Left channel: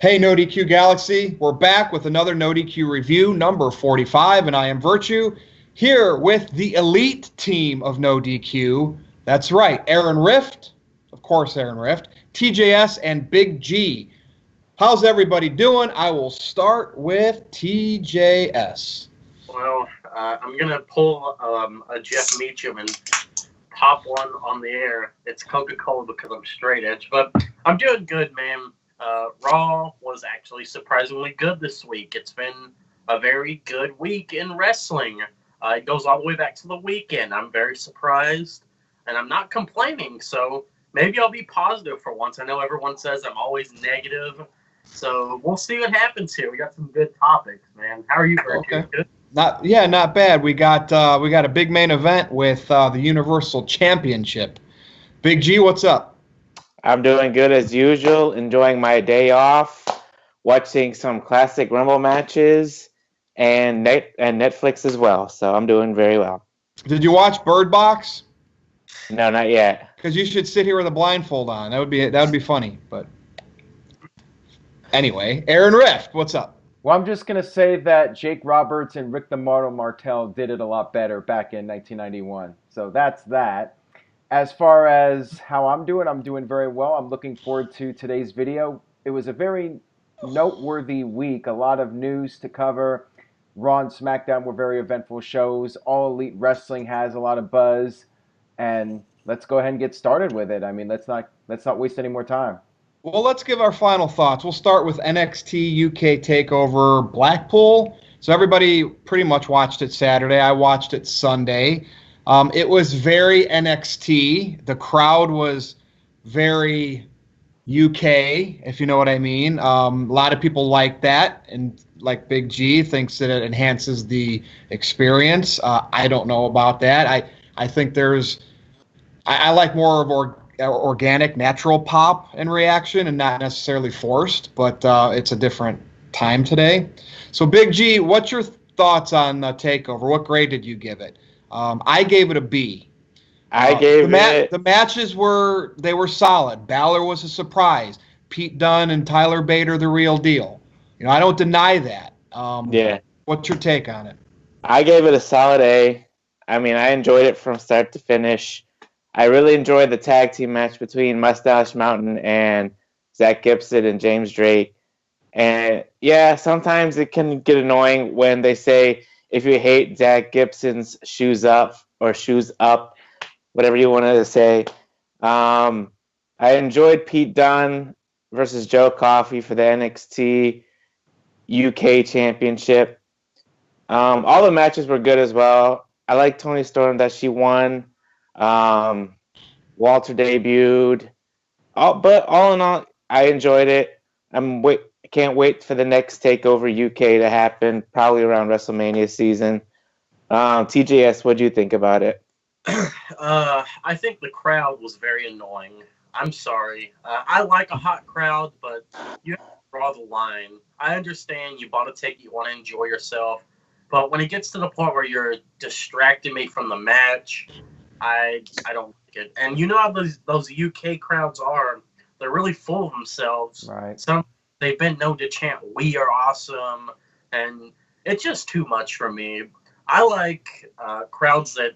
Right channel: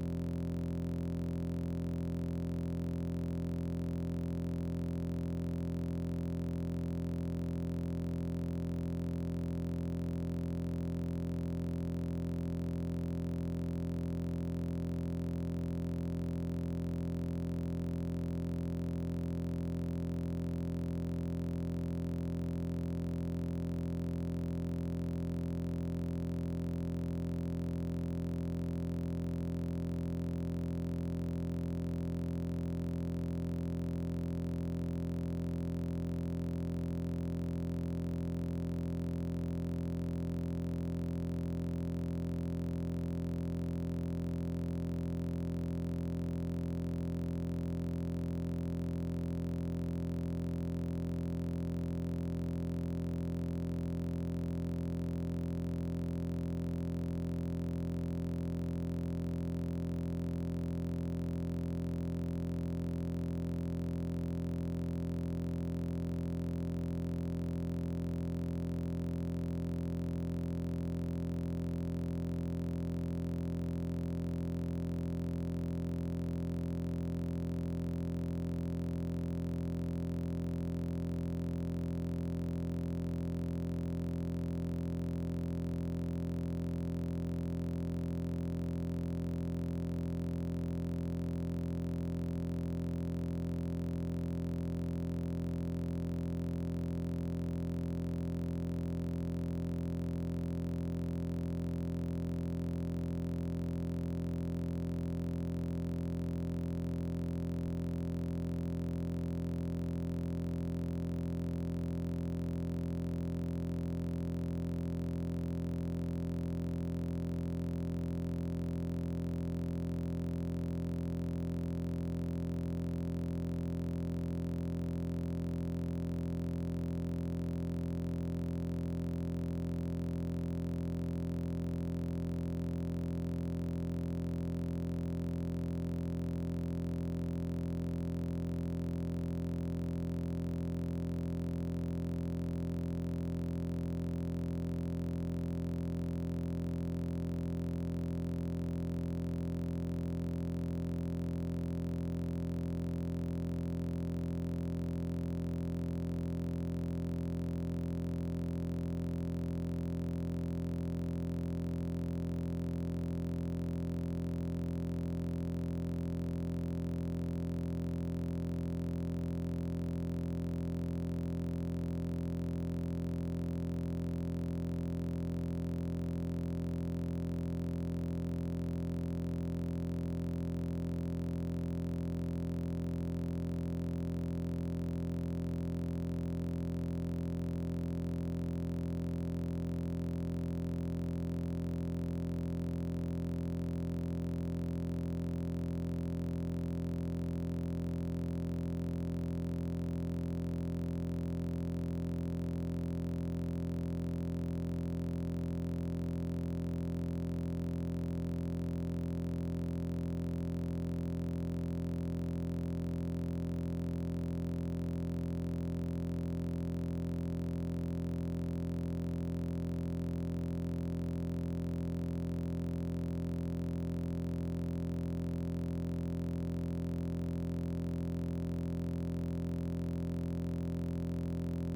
Hey, NoDQ Galaxy, we're back with another NoDQ review, number 45, and I am Virtue, here with the elite team of NoDQ. That's right, Aaron Rift, of course, Aaron Rift, TJS, and Big G. How's everybody doing? I will start with TJS. Well, I'm gonna pull a Jeff Meacham and pop one on the air. It's Coca-Cola because I'm straight edge, but I'm doing good, man. Raw was actually surprisingly good this week. It's been a very good week in wrestling. It goes all the way back to the weekend. I'm very surprised, and I'm not complaining. So maybe I'll be positive for once. I know everyone says I'm always negative, so we'll see what happens here. We got some good topics, man. How are you, Virtue? Okay. Good? Not bad. We got a big main event with the Universal Championship. Big G, what's up? I'm doing good as usual, enjoying my day off, watching some classic Rumble matches, and Netflix as well. So I'm doing very well. Did you watch Bird Box? No, not yet. Because you should sit here with a blindfold on. That would be funny. But anyway, Aaron Rift, what's up? Well, I'm just going to say that Jake Roberts and Rick the Martel Martel did it a lot better back in 1991. So that's that. As far as how I'm doing very well. I'm looking forward to today's video. It was a very noteworthy week. A lot of news to cover. Raw and SmackDown were very eventful shows. All Elite Wrestling has a lot of buzz. And let's go ahead and get started with it. I mean, let's not waste any more time. Well, let's give our final thoughts. We'll start with NXT UK Takeover Blackpool. So everybody pretty much watched it Saturday. I watched it Sunday. It was very NXT. The crowd was very UK, if you know what I mean. A lot of people like that, and like Big G thinks that it enhances the experience. I don't know about that. I think I like more of organic, natural pop and reaction, and not necessarily forced. But it's a different time today. So, Big G, what's your thoughts on Takeover? What grade did you give it? I gave it a B. The matches were solid. Balor was a surprise. Pete Dunne and Tyler Bate are the real deal. I don't deny that. Yeah. What's your take on it? I gave it a solid A. I mean, I enjoyed it from start to finish. I really enjoyed the tag team match between Mustache Mountain and Zach Gibson and James Drake. And yeah, sometimes it can get annoying when they say if you hate Zach Gibson's shoes up, whatever you wanted to say. I enjoyed Pete Dunne versus Joe Coffey for the NXT UK Championship. All the matches were good as well. I like Toni Storm that she won. Walter debuted. But all in all, I enjoyed it. Can't wait for the next Takeover UK to happen, probably around WrestleMania season. TJS, what do you think about it? I think the crowd was very annoying. I'm sorry. I like a hot crowd, but you have to draw the line. I understand you bought a ticket, you want to enjoy yourself, but when it gets to the point where you're distracting me from the match, I don't get. And you know how those UK crowds are. They're really full of themselves. Right. They've been known to chant "We are awesome," and it's just too much for me. I like crowds that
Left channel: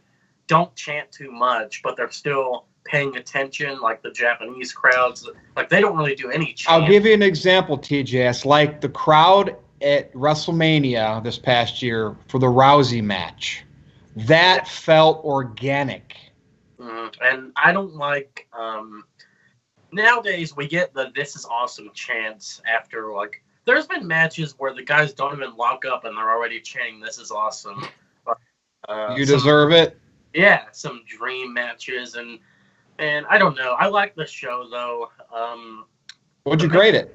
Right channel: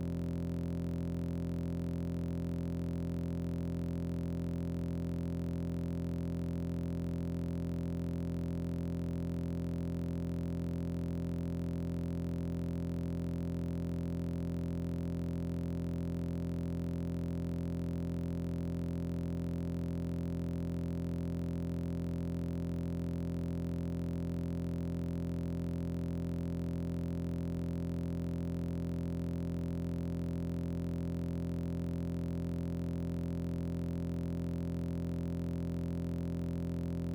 don't chant too much, but they're still paying attention, like the Japanese crowds. Like they don't really do any chant. I'll give you an example, TJS. Like the crowd at WrestleMania this past year for the Rousey match. That felt organic. And I don't like. Nowadays, we get the "This is awesome" chants after, like, there's been matches where the guys don't even lock up and they're already chanting "This is awesome." You deserve it. Yeah, some dream matches, and I don't know. I like the show though. What'd you grade it?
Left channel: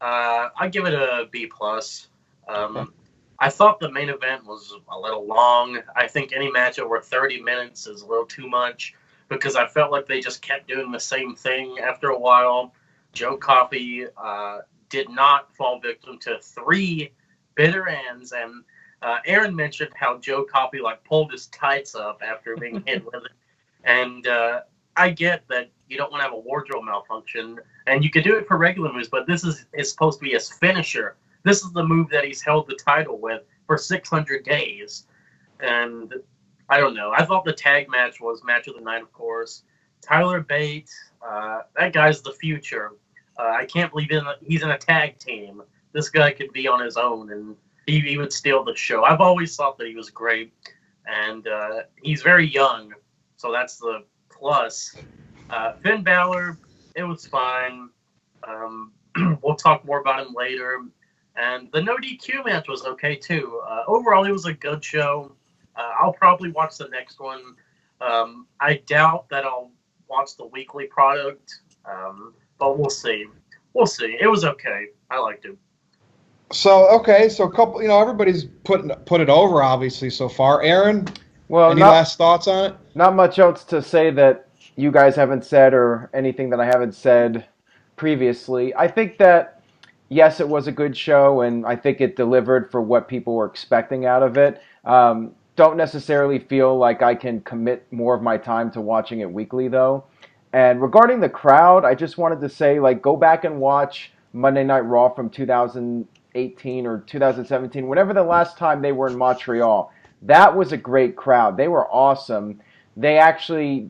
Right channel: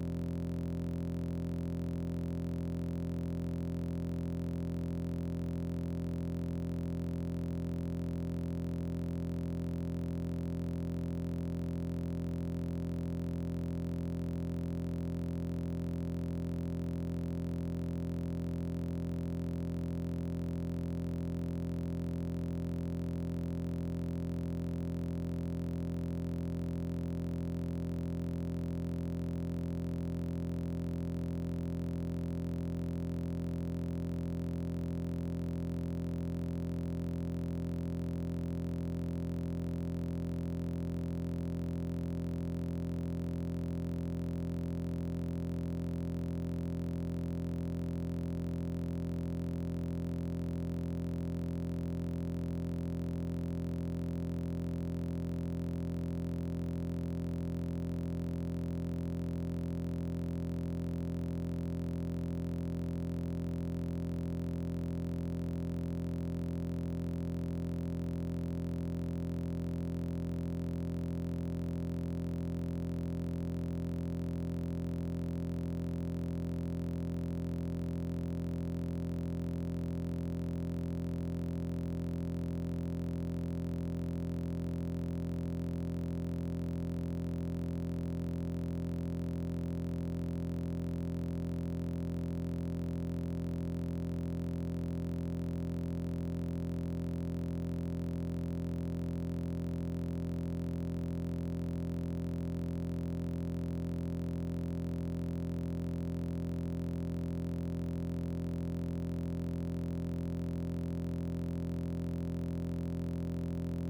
I give it a B plus. I thought the main event was a little long. I think any match over 30 minutes is a little too much, because I felt like they just kept doing the same thing after a while. Joe Coffey did not fall victim to 3 bitter ends, and Aaron mentioned how Joe Coffey pulled his tights up after being hit with it. And I get that you don't want to have a wardrobe malfunction, And you could do it for regular moves, but this is supposed to be his finisher. This is the move that he's held the title with for 600 days. And I don't know. I thought the tag match was match of the night, of course. Tyler Bate, that guy's the future. I can't believe he's in a tag team. This guy could be on his own, and he would steal the show. I've always thought that he was great, and he's very young, so that's the plus. Finn Balor, it was fine. We'll talk more about him later. And the No DQ match was okay too. Overall, it was a good show. I'll probably watch the next one. I doubt that I'll watch the weekly product, but we'll see. We'll see. It was okay. I liked it. So okay, so a couple, everybody's put it over obviously so far. Aaron, Well, any last thoughts on it? not much else to say that you guys haven't said or anything that I haven't said previously. I think that, yes, it was a good show, and I think it delivered for what people were expecting out of it. Don't necessarily feel like I can commit more of my time to watching it weekly, though. And regarding the crowd, I just wanted to say, like, go back and watch Monday Night Raw from 2018 or 2017, whenever the last time they were in Montreal. That was a great crowd. They were awesome. They actually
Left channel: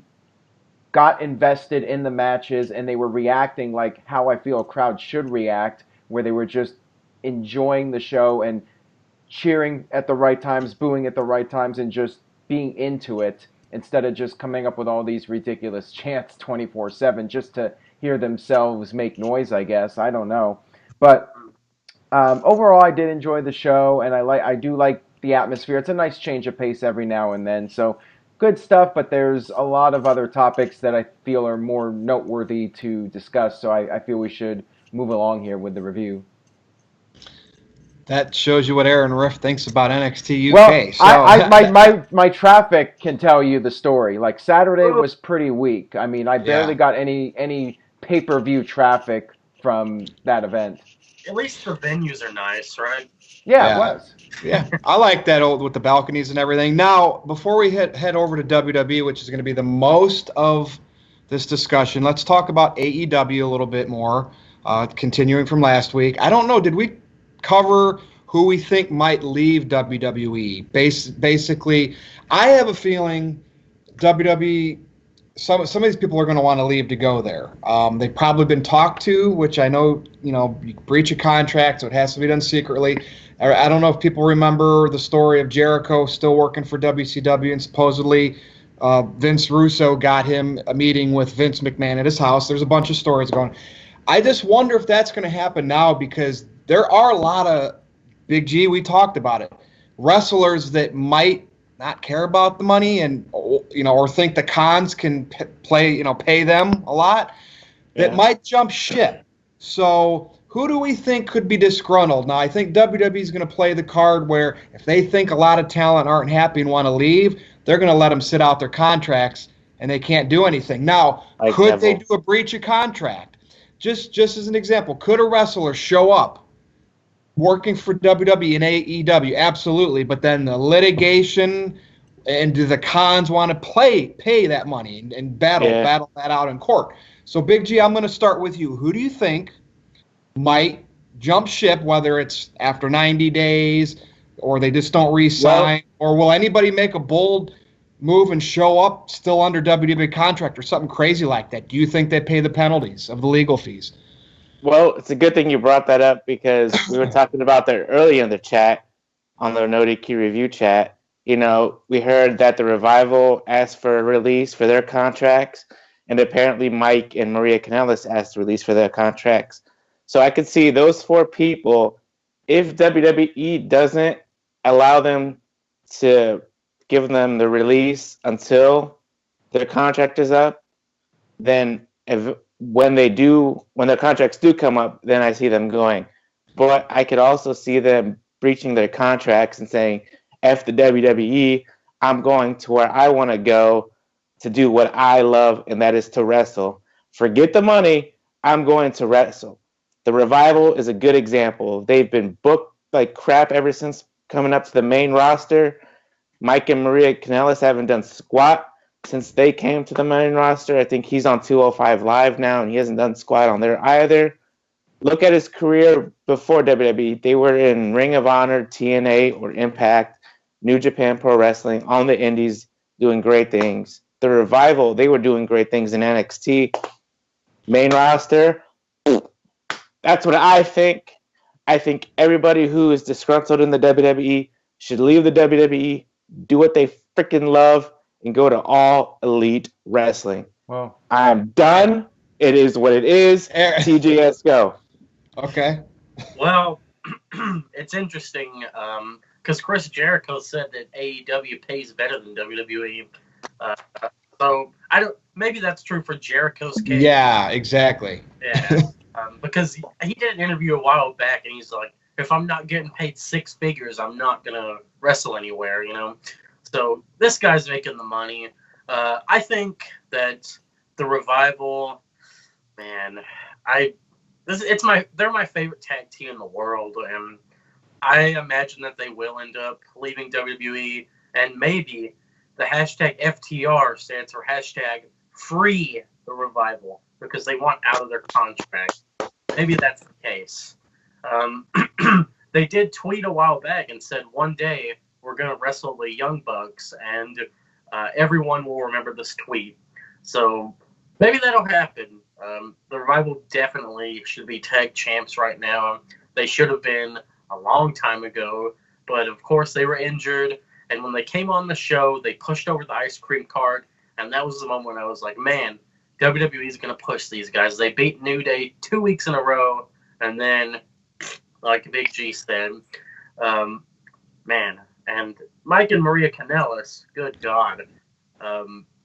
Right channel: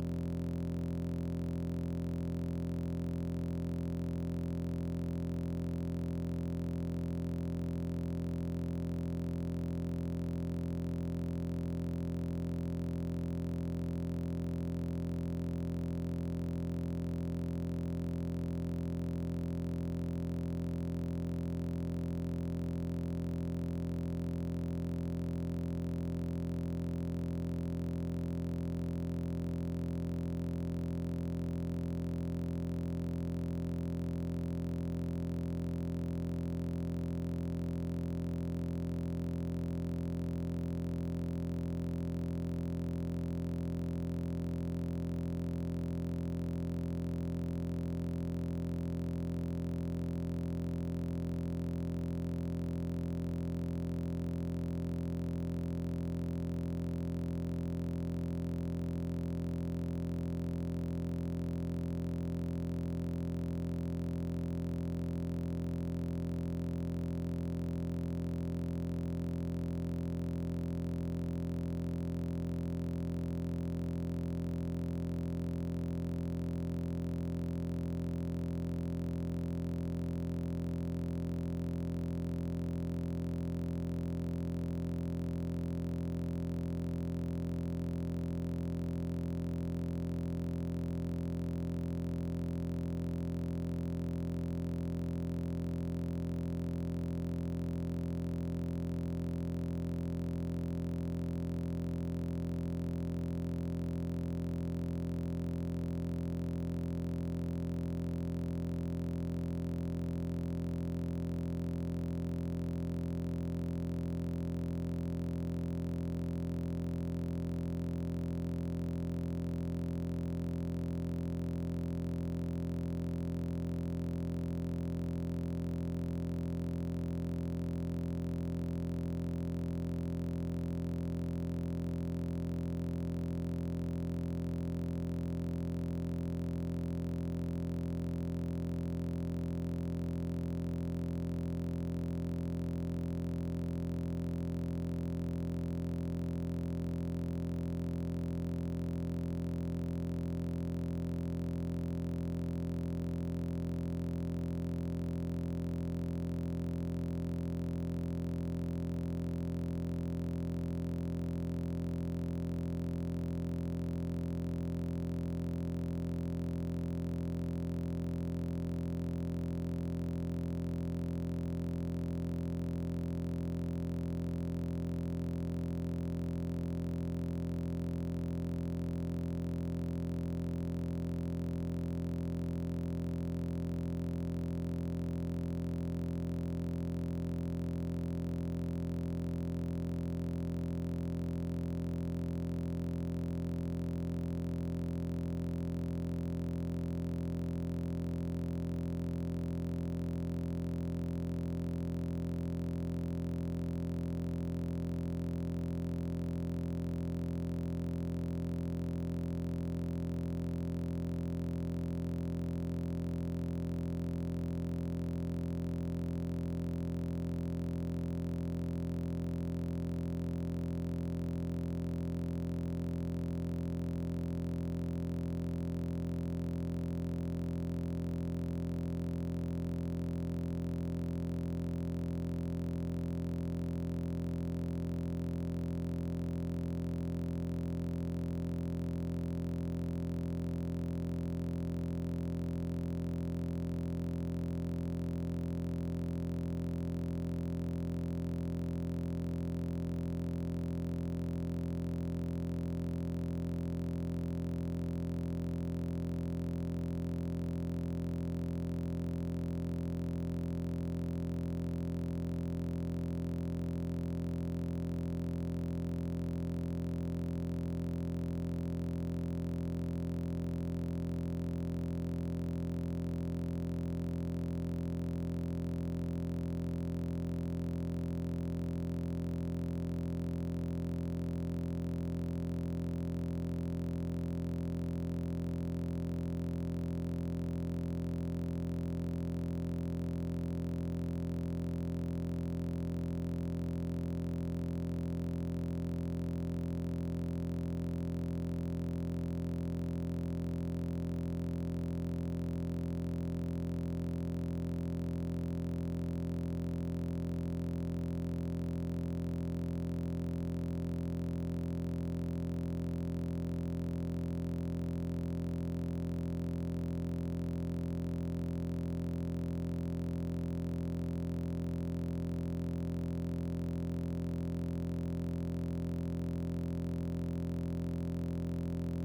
got invested in the matches, and they were reacting like how I feel a crowd should react, where they were just enjoying the show and cheering at the right times, booing at the right times, and just being into it instead of just coming up with all these ridiculous chants 24/7 just to hear themselves make noise, I guess. I don't know. But overall, I did enjoy the show, and I do like the atmosphere. It's a nice change of pace every now and then. So good stuff, but there's a lot of other topics that I feel are more noteworthy to discuss. So I feel we should move along here with the review. That shows you what Aaron Riff thinks about NXT UK. Well, So my traffic can tell you the story. Like Saturday was pretty weak. I mean, I barely got any pay-per-view traffic from that event. At least the venues are nice, right? Yeah, it was. Yeah, I like that old with the balconies and everything. Now, before we head over to WWE, which is going to be the most of this discussion, let's talk about AEW a little bit more. Continuing from last week, I don't know, did we cover who we think might leave WWE? Basically, I have a feeling WWE. Some of these people are going to want to leave to go there. They've probably been talked to, which I know, you breach a contract, so it has to be done secretly. I don't know if people remember the story of Jericho still working for WCW, and supposedly Vince Russo got him a meeting with Vince McMahon at his house. There's a bunch of stories going. I just wonder if that's going to happen now, because there are a lot of, Big G, we talked about it, wrestlers that might not care about the money and or think the cons can pay them a lot, that might jump ship. So who do we think could be disgruntled? Now, I think WWE is going to play the card where if they think a lot of talent aren't happy and want to leave, they're going to let them sit out their contracts and they can't do anything. Now, could they do a breach of contract? Just as an example, could a wrestler show up working for WWE and AEW? Absolutely. But then the litigation, and do the cons want to pay that money and battle that out in court? So, Big G, I'm going to start with you. Who do you think might jump ship, whether it's after 90 days or they just don't re-sign, or will anybody make a bold move and show up still under WWE contract or something crazy like that? Do you think they pay the penalties of the legal fees? Well, it's a good thing you brought that up, because we were talking about that earlier in the chat, on the NoDQ review chat. We heard that the Revival asked for a release for their contracts, and apparently Mike and Maria Kanellis asked a release for their contracts. So I could see those four people, if WWE doesn't allow them to give them the release until their contract is up, then when their contracts do come up, then I see them going. But I could also see them breaching their contracts and saying, F the WWE, I'm going to where I want to go to do what I love, and that is to wrestle. Forget the money, I'm going to wrestle. The Revival is a good example. They've been booked like crap ever since coming up to the main roster. Mike and Maria Kanellis haven't done squat since they came to the main roster. I think he's on 205 Live now, and he hasn't done squat on there either. Look at his career before WWE. They were in Ring of Honor, TNA, or Impact, New Japan Pro Wrestling, on the Indies, doing great things. The Revival, they were doing great things in NXT. Main roster, that's what I think. I think everybody who is disgruntled in the WWE should leave the WWE, do what they freaking love, and go to All Elite Wrestling. Well, I'm done. It is what it is. TGS, go. Okay. Well, it's interesting because Chris Jericho said that AEW pays better than WWE. So I don't. Maybe that's true for Jericho's case. Yeah, exactly. Yeah. Because he did an interview a while back, and he's like, "If I'm not getting paid six figures, I'm not gonna wrestle anywhere." You know. So this guy's making the money. I think that the Revival, man, they're my favorite tag team in the world, and I imagine that they will end up leaving WWE, and maybe the hashtag FTR stands for hashtag free the Revival because they want out of their contract. Maybe that's the case. They did tweet a while back and said one day we're gonna wrestle the Young Bucks, and everyone will remember this tweet. So maybe that'll happen. The Revival definitely should be tag champs right now. They should have been a long time ago, but of course they were injured. And when they came on the show, they pushed over the ice cream cart, and that was the moment I was like, man, WWE is going to push these guys. They beat New Day 2 weeks in a row, and then, like Big G said, man, and Mike and Maria Kanellis, good God.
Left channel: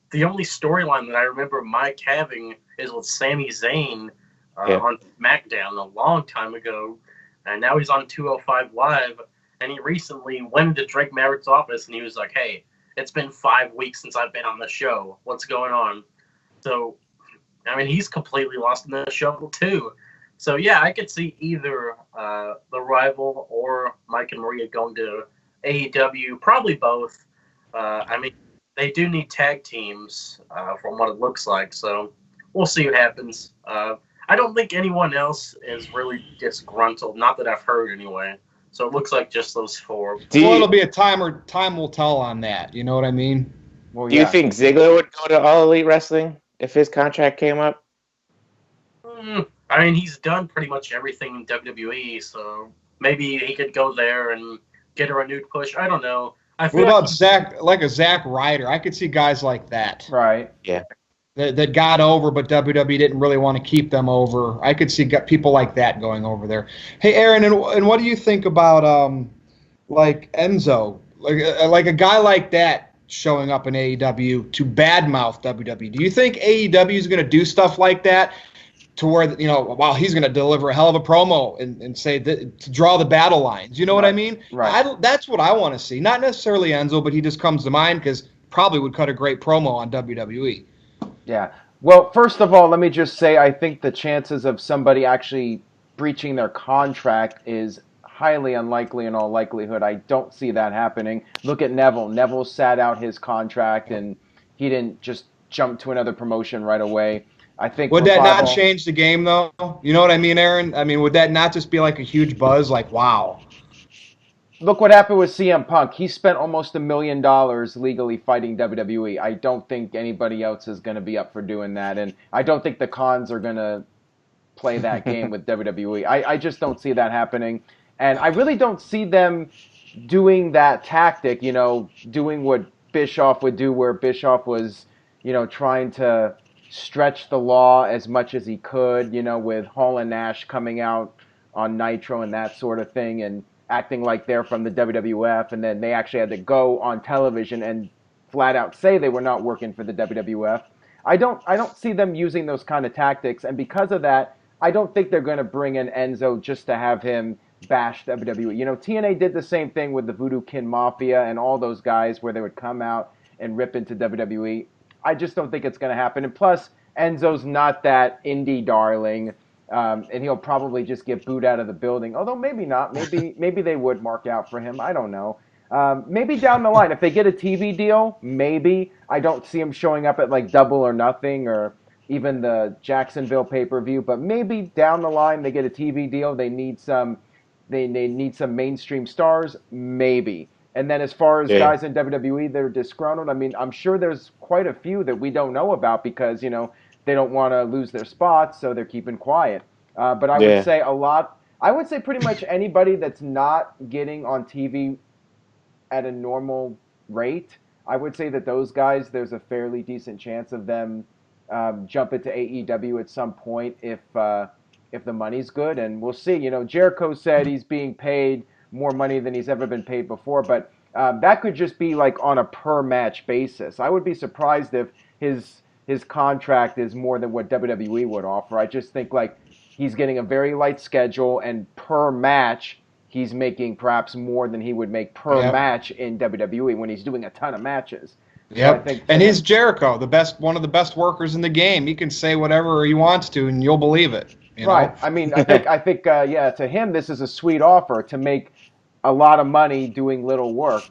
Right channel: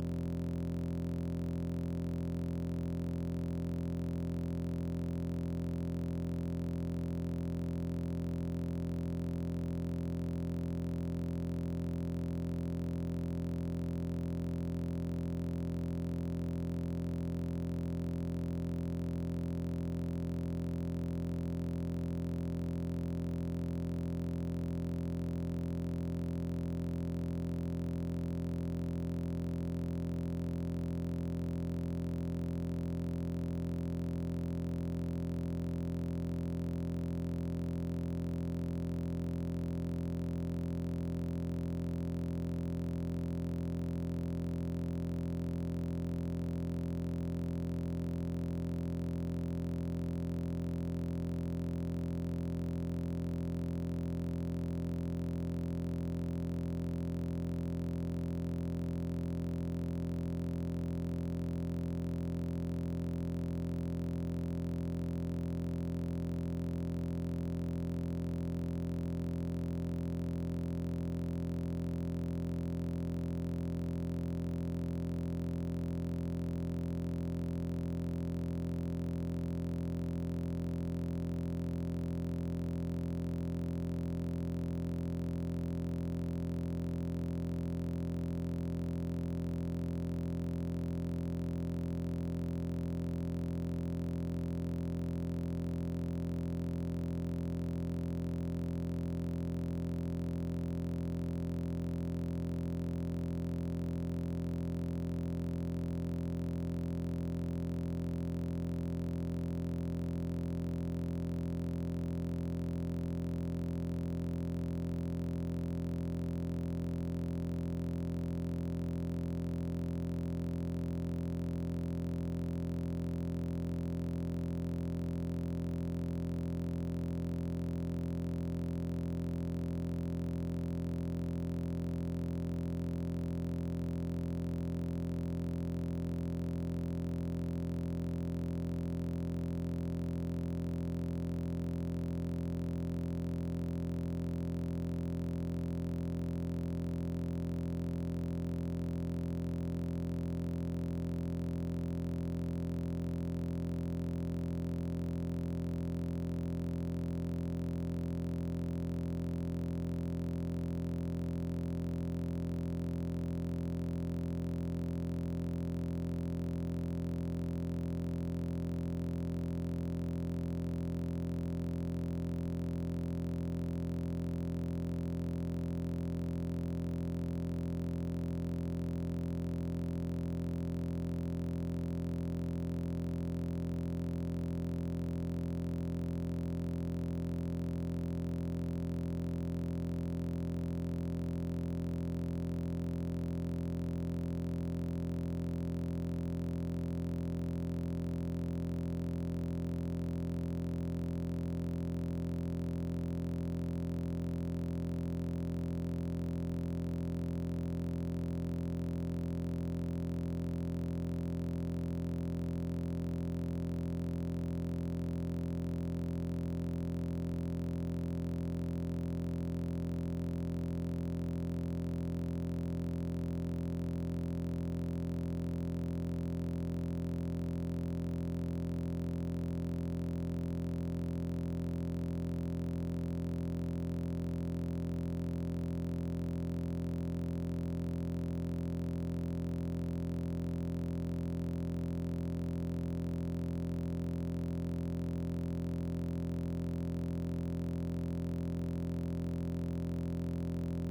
The only storyline that I remember Mike having is with Sami Zayn on SmackDown a long time ago, and now he's on 205 Live, and he recently went into Drake Maverick's office, and he was like, hey, it's been 5 weeks since I've been on the show. What's going on? So, I mean, he's completely lost in the show, too. So, yeah, I could see either the Rival or Mike and Maria going to AEW, probably both. I mean, they do need tag teams from what it looks like, so we'll see what happens. I don't think anyone else is really disgruntled, not that I've heard anyway. So it looks like just those four. Well, it'll be time will tell on that. You know what I mean? well, Do you think Ziggler would go to All Elite Wrestling if his contract came up? I mean, he's done pretty much everything in WWE, so maybe he could go there and get a renewed push. I don't know. What about Zack Ryder? I could see guys like that. Right. Yeah. That got over, but WWE didn't really want to keep them over. I could see people like that going over there. Hey, Aaron, and what do you think about like Enzo, like a guy like that showing up in AEW to badmouth WWE? Do you think AEW is going to do stuff like that to where while he's going to deliver a hell of a promo and say that, to draw the battle lines? You know what I mean? Right. That's what I want to see. Not necessarily Enzo, but he just comes to mind because probably would cut a great promo on WWE. Yeah. Well, first of all, let me just say I think the chances of somebody actually breaching their contract is highly unlikely in all likelihood. I don't see that happening. Look at Neville. Neville sat out his contract and he didn't just jump to another promotion right away. I think would that not change the game though? You know what I mean, Aaron? I mean, would that not just be like a huge buzz? Like, wow. Look what happened with CM Punk. He spent almost $1 million legally fighting WWE. I don't think anybody else is going to be up for doing that, and I don't think the cons are going to play that game with WWE. I just don't see that happening, and I really don't see them doing that tactic, doing what Bischoff would do, where Bischoff was, trying to stretch the law as much as he could, with Hall and Nash coming out on Nitro and that sort of thing, and acting like they're from the WWF, and then they actually had to go on television and flat out say they were not working for the WWF. I don't see them using those kind of tactics, and because of that, I don't think they're going to bring in Enzo just to have him bash WWE. TNA did the same thing with the Voodoo Kin Mafia and all those guys where they would come out and rip into WWE. I just don't think it's going to happen. And plus, Enzo's not that indie darling. And he'll probably just get booed out of the building. Although maybe not. Maybe they would mark out for him. I don't know. Maybe down the line, if they get a TV deal, maybe. I don't see him showing up at like Double or Nothing or even the Jacksonville pay-per-view, but maybe down the line they get a TV deal. They need some mainstream stars, maybe. And then as far as Yeah. guys in WWE that are disgruntled, I mean, I'm sure there's quite a few that we don't know about because they don't want to lose their spots, so they're keeping quiet. But I would Yeah. say I would say pretty much anybody that's not getting on TV at a normal rate, I would say that those guys, there's a fairly decent chance of them jumping to AEW at some point if the money's good, and we'll see. Jericho said he's being paid more money than he's ever been paid before, but that could just be like on a per match basis. I would be surprised if his contract is more than what WWE would offer. I just think like he's getting a very light schedule, and per match he's making perhaps more than he would make per Yep. match in WWE when he's doing a ton of matches. So Yep. I think And he's Jericho, one of the best workers in the game. He can say whatever he wants to, and you'll believe it. right. I mean, I think, yeah. To him, this is a sweet offer to make a lot of money doing little work.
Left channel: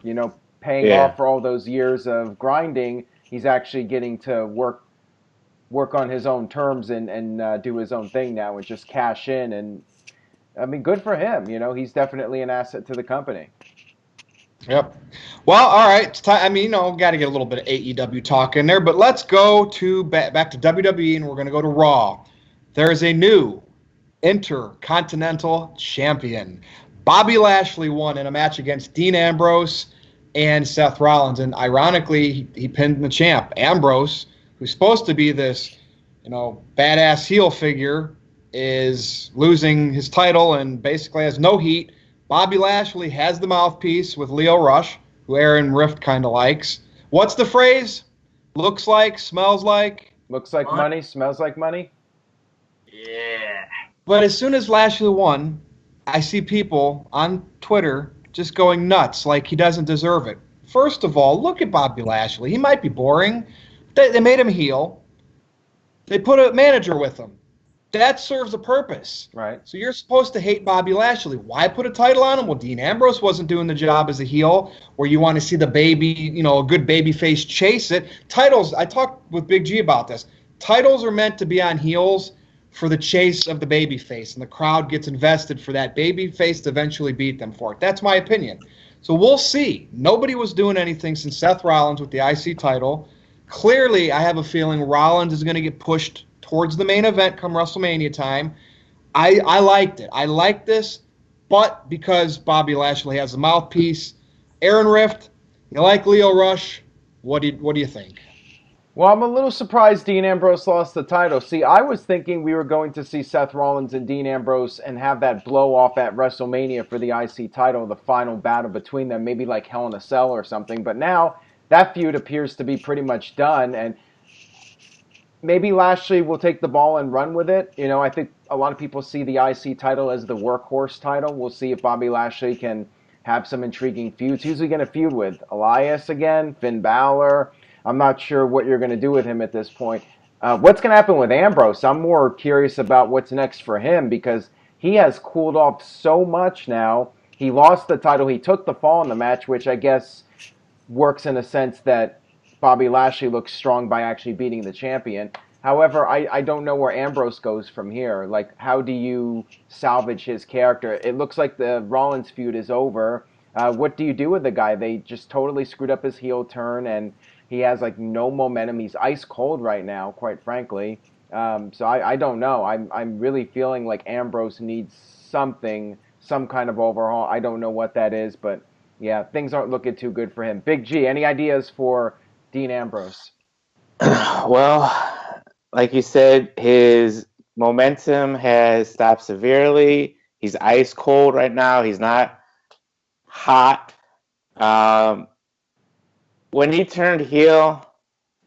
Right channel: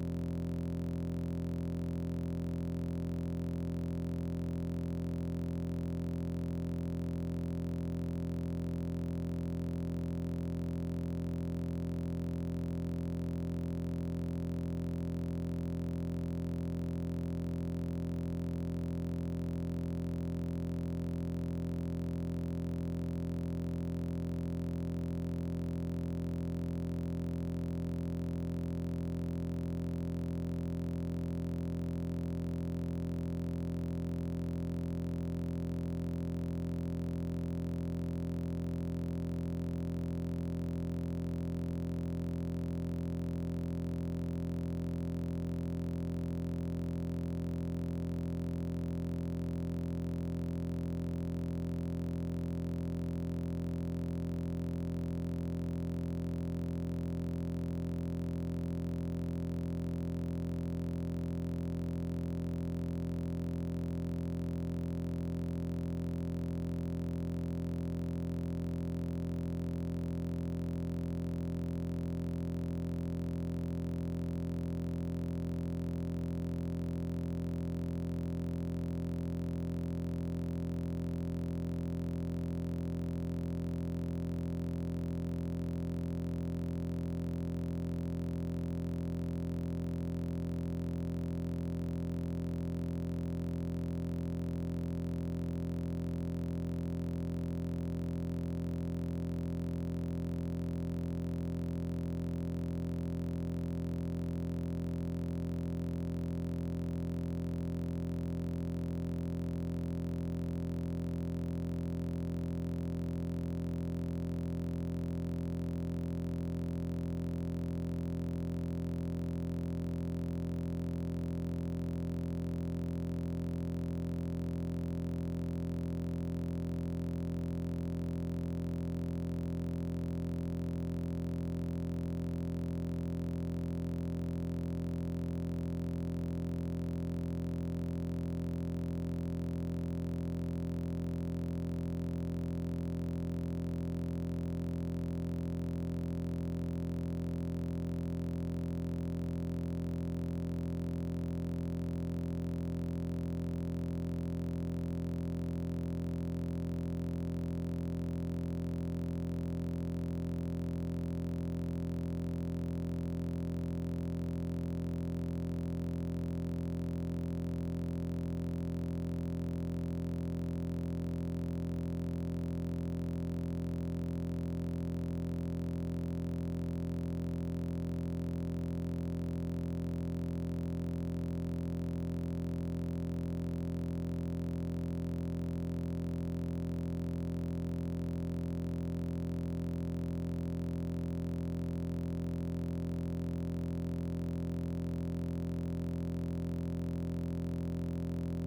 Paying Yeah. off for all those years of grinding. He's actually getting to work on his own terms and do his own thing now and just cash in. And I mean, good for him. He's definitely an asset to the company. Yep. Well, all right. It's time. I mean, got to get a little bit of AEW talk in there, but let's go to back to WWE, and we're going to go to Raw. There is a new Intercontinental Champion. Bobby Lashley won in a match against Dean Ambrose and Seth Rollins, and ironically, he pinned the champ. Ambrose, who's supposed to be this, badass heel figure, is losing his title and basically has no heat. Bobby Lashley has the mouthpiece with Leo Rush, who Aaron Rift kind of likes. What's the phrase? Looks like, smells like. Looks like money, smells like money. Yeah. But as soon as Lashley won, I see people on Twitter just going nuts like he doesn't deserve it. First of all, look at Bobby Lashley. He might be boring. They made him heel. They put a manager with him. That serves a purpose. Right. So you're supposed to hate Bobby Lashley. Why put a title on him? Well, Dean Ambrose wasn't doing the job as a heel, where you want to see the baby, a good baby face chase it. Titles, I talked with Big G about this. Titles are meant to be on heels for the chase of the baby face, and the crowd gets invested for that baby face to eventually beat them for it. That's my opinion. So we'll see. Nobody was doing anything since Seth Rollins with the IC title. Clearly, I have a feeling Rollins is going to get pushed towards the main event come WrestleMania time. I liked it. I like this, but because Bobby Lashley has the mouthpiece, Aaron Rift, you like Leo Rush, what do you think? Well, I'm a little surprised Dean Ambrose lost the title. See, I was thinking we were going to see Seth Rollins and Dean Ambrose and have that blow off at WrestleMania for the IC title, the final battle between them, maybe like Hell in a Cell or something. But now that feud appears to be pretty much done, and maybe Lashley will take the ball and run with it. I think a lot of people see the IC title as the workhorse title. We'll see if Bobby Lashley can have some intriguing feuds. Who's he going to feud with? Elias again? Finn Balor? I'm not sure what you're going to do with him at this point. What's going to happen with Ambrose? I'm more curious about what's next for him because he has cooled off so much now. He lost the title. He took the fall in the match, which I guess works in a sense that Bobby Lashley looks strong by actually beating the champion. However, I don't know where Ambrose goes from here. Like, how do you salvage his character? It looks like the Rollins feud is over. What do you do with the guy? They just totally screwed up his heel turn, and he has like no momentum. He's ice cold right now, quite frankly. So I don't know. I'm really feeling like Ambrose needs something, some kind of overhaul. I don't know what that is, but yeah, things aren't looking too good for him. Big G, any ideas for Dean Ambrose? Well, like you said, his momentum has stopped severely. He's ice cold right now. He's not hot. When he turned heel,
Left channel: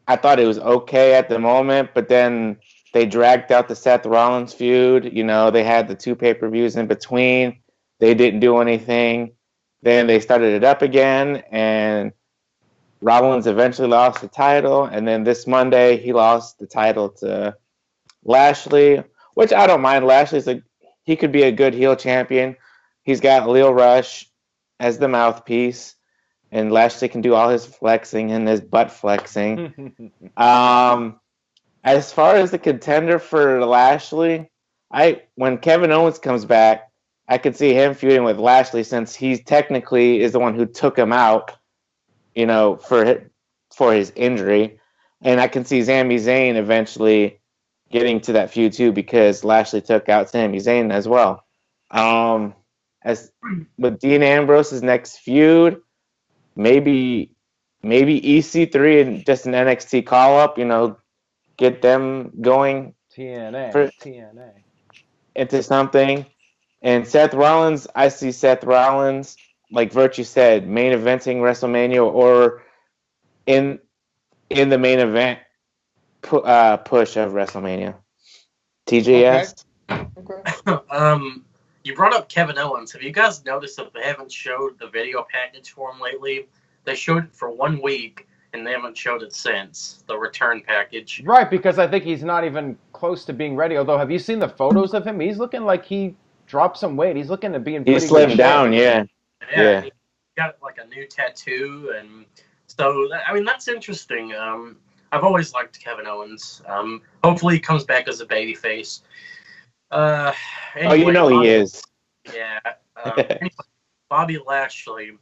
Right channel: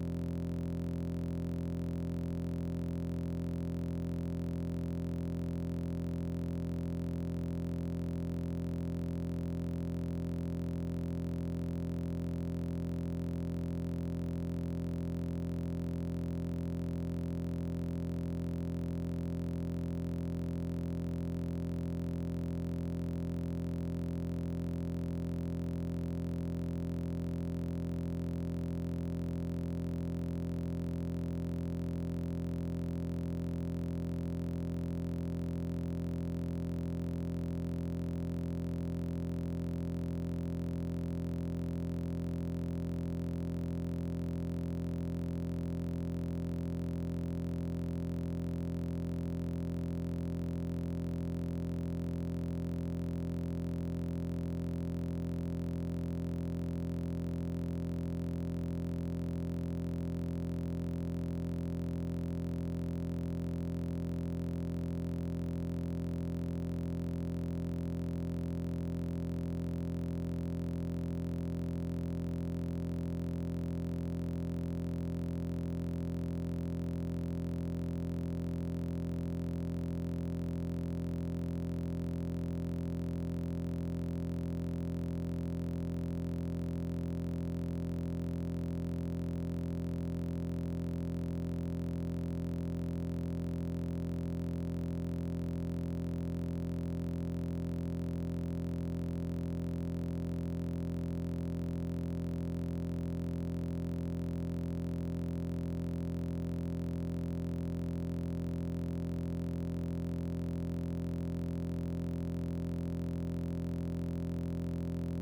I thought it was okay at the moment, but then they dragged out the Seth Rollins feud. They had the 2 pay-per-views in between. They didn't do anything. Then they started it up again, and Rollins eventually lost the title. And then this Monday, he lost the title to Lashley, which I don't mind. He could be a good heel champion. He's got Leo Rush as the mouthpiece. and Lashley can do all his flexing and his butt flexing. As far as the contender for Lashley, when Kevin Owens comes back, I could see him feuding with Lashley since he technically is the one who took him out, for his injury, and I can see Sami Zayn eventually getting to that feud too because Lashley took out Sami Zayn as well. As with Dean Ambrose's next feud, maybe EC3 and just an NXT call up, get them going TNA. into something. And Seth Rollins, I see Seth Rollins, like Virtue said, main eventing WrestleMania or in the main event push of WrestleMania. TJS. Okay. You brought up Kevin Owens. Have you guys noticed that they haven't showed the video package for him lately? They showed it for 1 week, and they haven't showed it since, the return package. Right, because I think he's not even close to being ready. Although, have you seen the photos of him? He's looking like he dropped some weight. He's looking to be in pretty He good slimmed shape. down, yeah. Yeah. He got like a new tattoo, and so that's interesting. I've always liked Kevin Owens. Hopefully he comes back as a babyface. Anyway, he is. Yeah. Anyway, Bobby Lashley.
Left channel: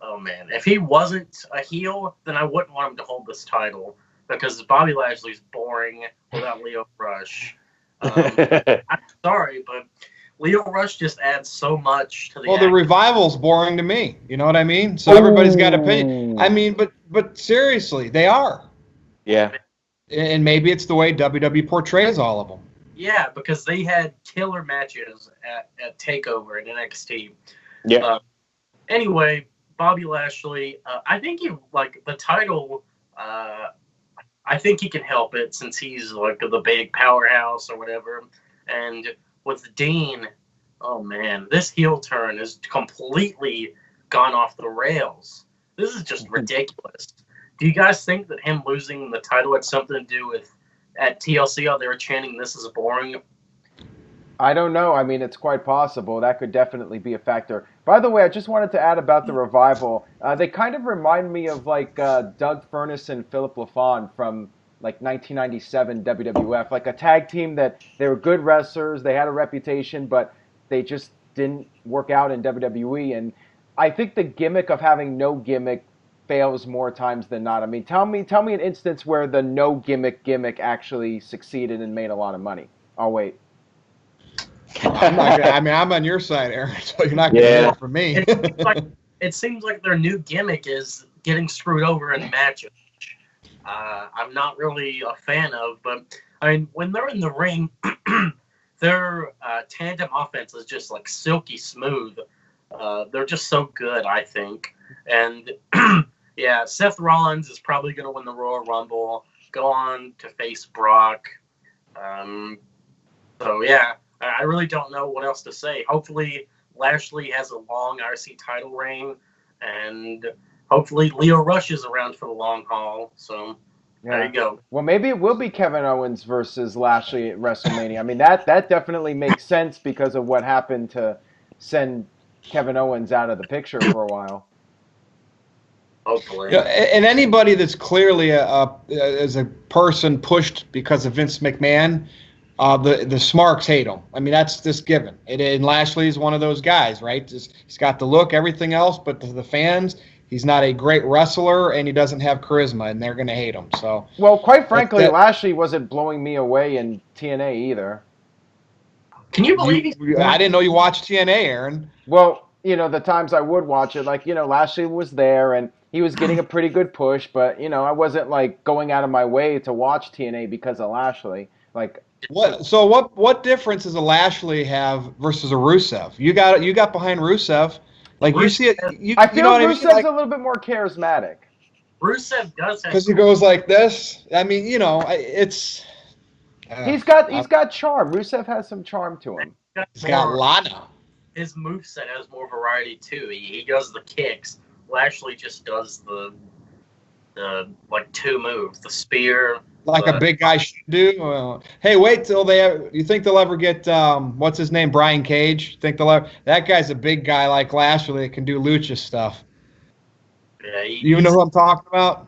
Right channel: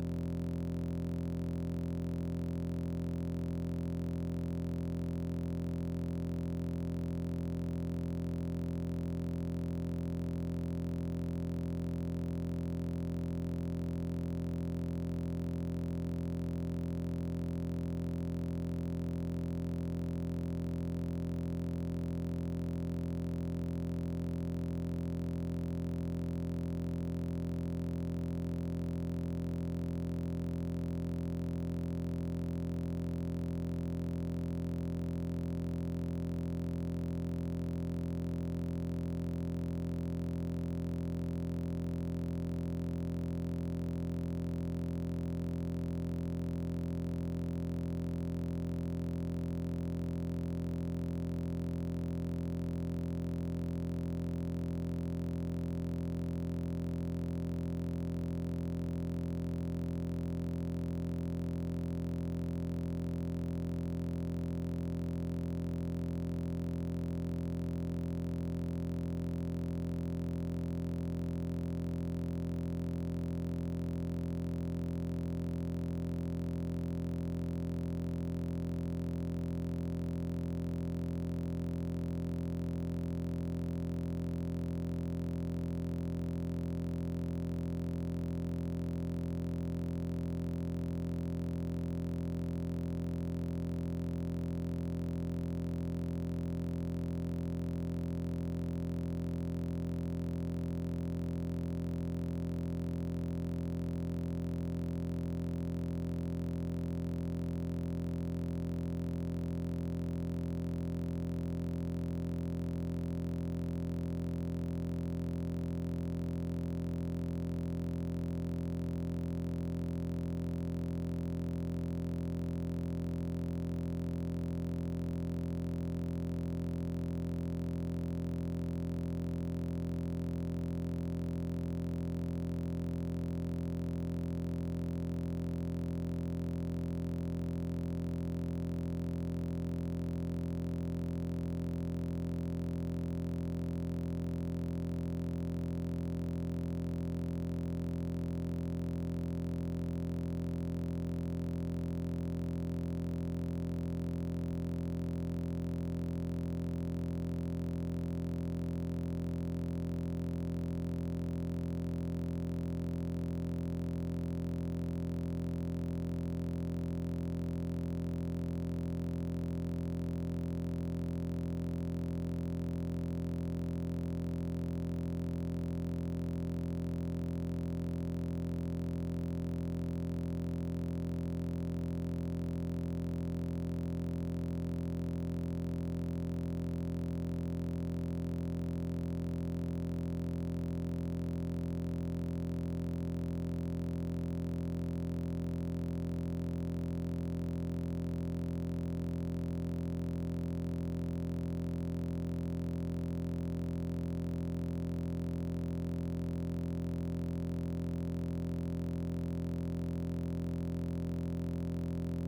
Oh man, if he wasn't a heel, then I wouldn't want him to hold this title because Bobby Lashley's boring without Leo Rush. I'm sorry, but Leo Rush just adds so much to the. Well, the Revival's boring to me. You know what I mean? So everybody's got opinion. I mean, but seriously, they are. Yeah. And maybe it's the way WWE portrays all of them. Yeah, because they had killer matches at TakeOver and NXT. Yeah. Anyway, Bobby Lashley, I think the title. I think he can help it since he's like the big powerhouse or whatever. And with Dean, oh man, this heel turn has completely gone off the rails. This is just ridiculous. Do you guys think that him losing the title had something to do with at TLC how they were chanting "This is boring"? I don't know. I mean, it's quite possible. That could definitely be a factor. By the way, I just wanted to add about the Revival. They kind of remind me of like Doug Furnas and Philip LaFawn from like 1997 WWF, like a tag team that they were good wrestlers, they had a reputation, but they just didn't work out in WWE. And I think the gimmick of having no gimmick fails more times than not. I mean, tell me an instance where the no gimmick actually succeeded and made a lot of money. I'll wait. I'm not gonna, I mean, I'm on your side, Aaron, so you're not going to hear it from me. It seems like their new gimmick is getting screwed over in matches. I'm not really a fan of, but I mean, when they're in the ring, their tandem offense is just like silky smooth. They're just so good, I think. And yeah, Seth Rollins is probably going to win the Royal Rumble, go on to face Brock. So yeah, I really don't know what else to say. Hopefully Lashley has a long IC title reign, and hopefully Leo Rush is around for the long haul. So there you go. Well, maybe it will be Kevin Owens versus Lashley at WrestleMania. I mean, that definitely makes sense because of what happened to send Kevin Owens out of the picture for a while. Hopefully. Yeah, and anybody that's clearly as a person pushed because of Vince McMahon, the Smarks hate him. I mean, that's just given. And Lashley's one of those guys, right? He's got the look, everything else, but to the fans, he's not a great wrestler and he doesn't have charisma, and they're going to hate him. So, well, quite frankly, Lashley wasn't blowing me away in TNA either. Can you believe I didn't know you watched TNA, Aaron. Well, the times I would watch it, like, Lashley was there and he was getting a pretty good push, but, I wasn't, like, going out of my way to watch TNA because of Lashley. Like, what difference does a Lashley have versus a Rusev? You got behind Rusev. Like, you see it. I feel Rusev's a little bit more charismatic. Rusev does have, because he goes like this. I mean, it's. He's got charm. Rusev has some charm to him. He's got Lana. His moveset has more variety too. He does the kicks. Lashley just does the like two moves, the spear. Like a big guy should do. Hey, wait till you think they'll ever get what's his name, Brian Cage? Think they'll ever? That guy's a big guy like Lashley that can do lucha stuff. Yeah, You know who I'm talking about?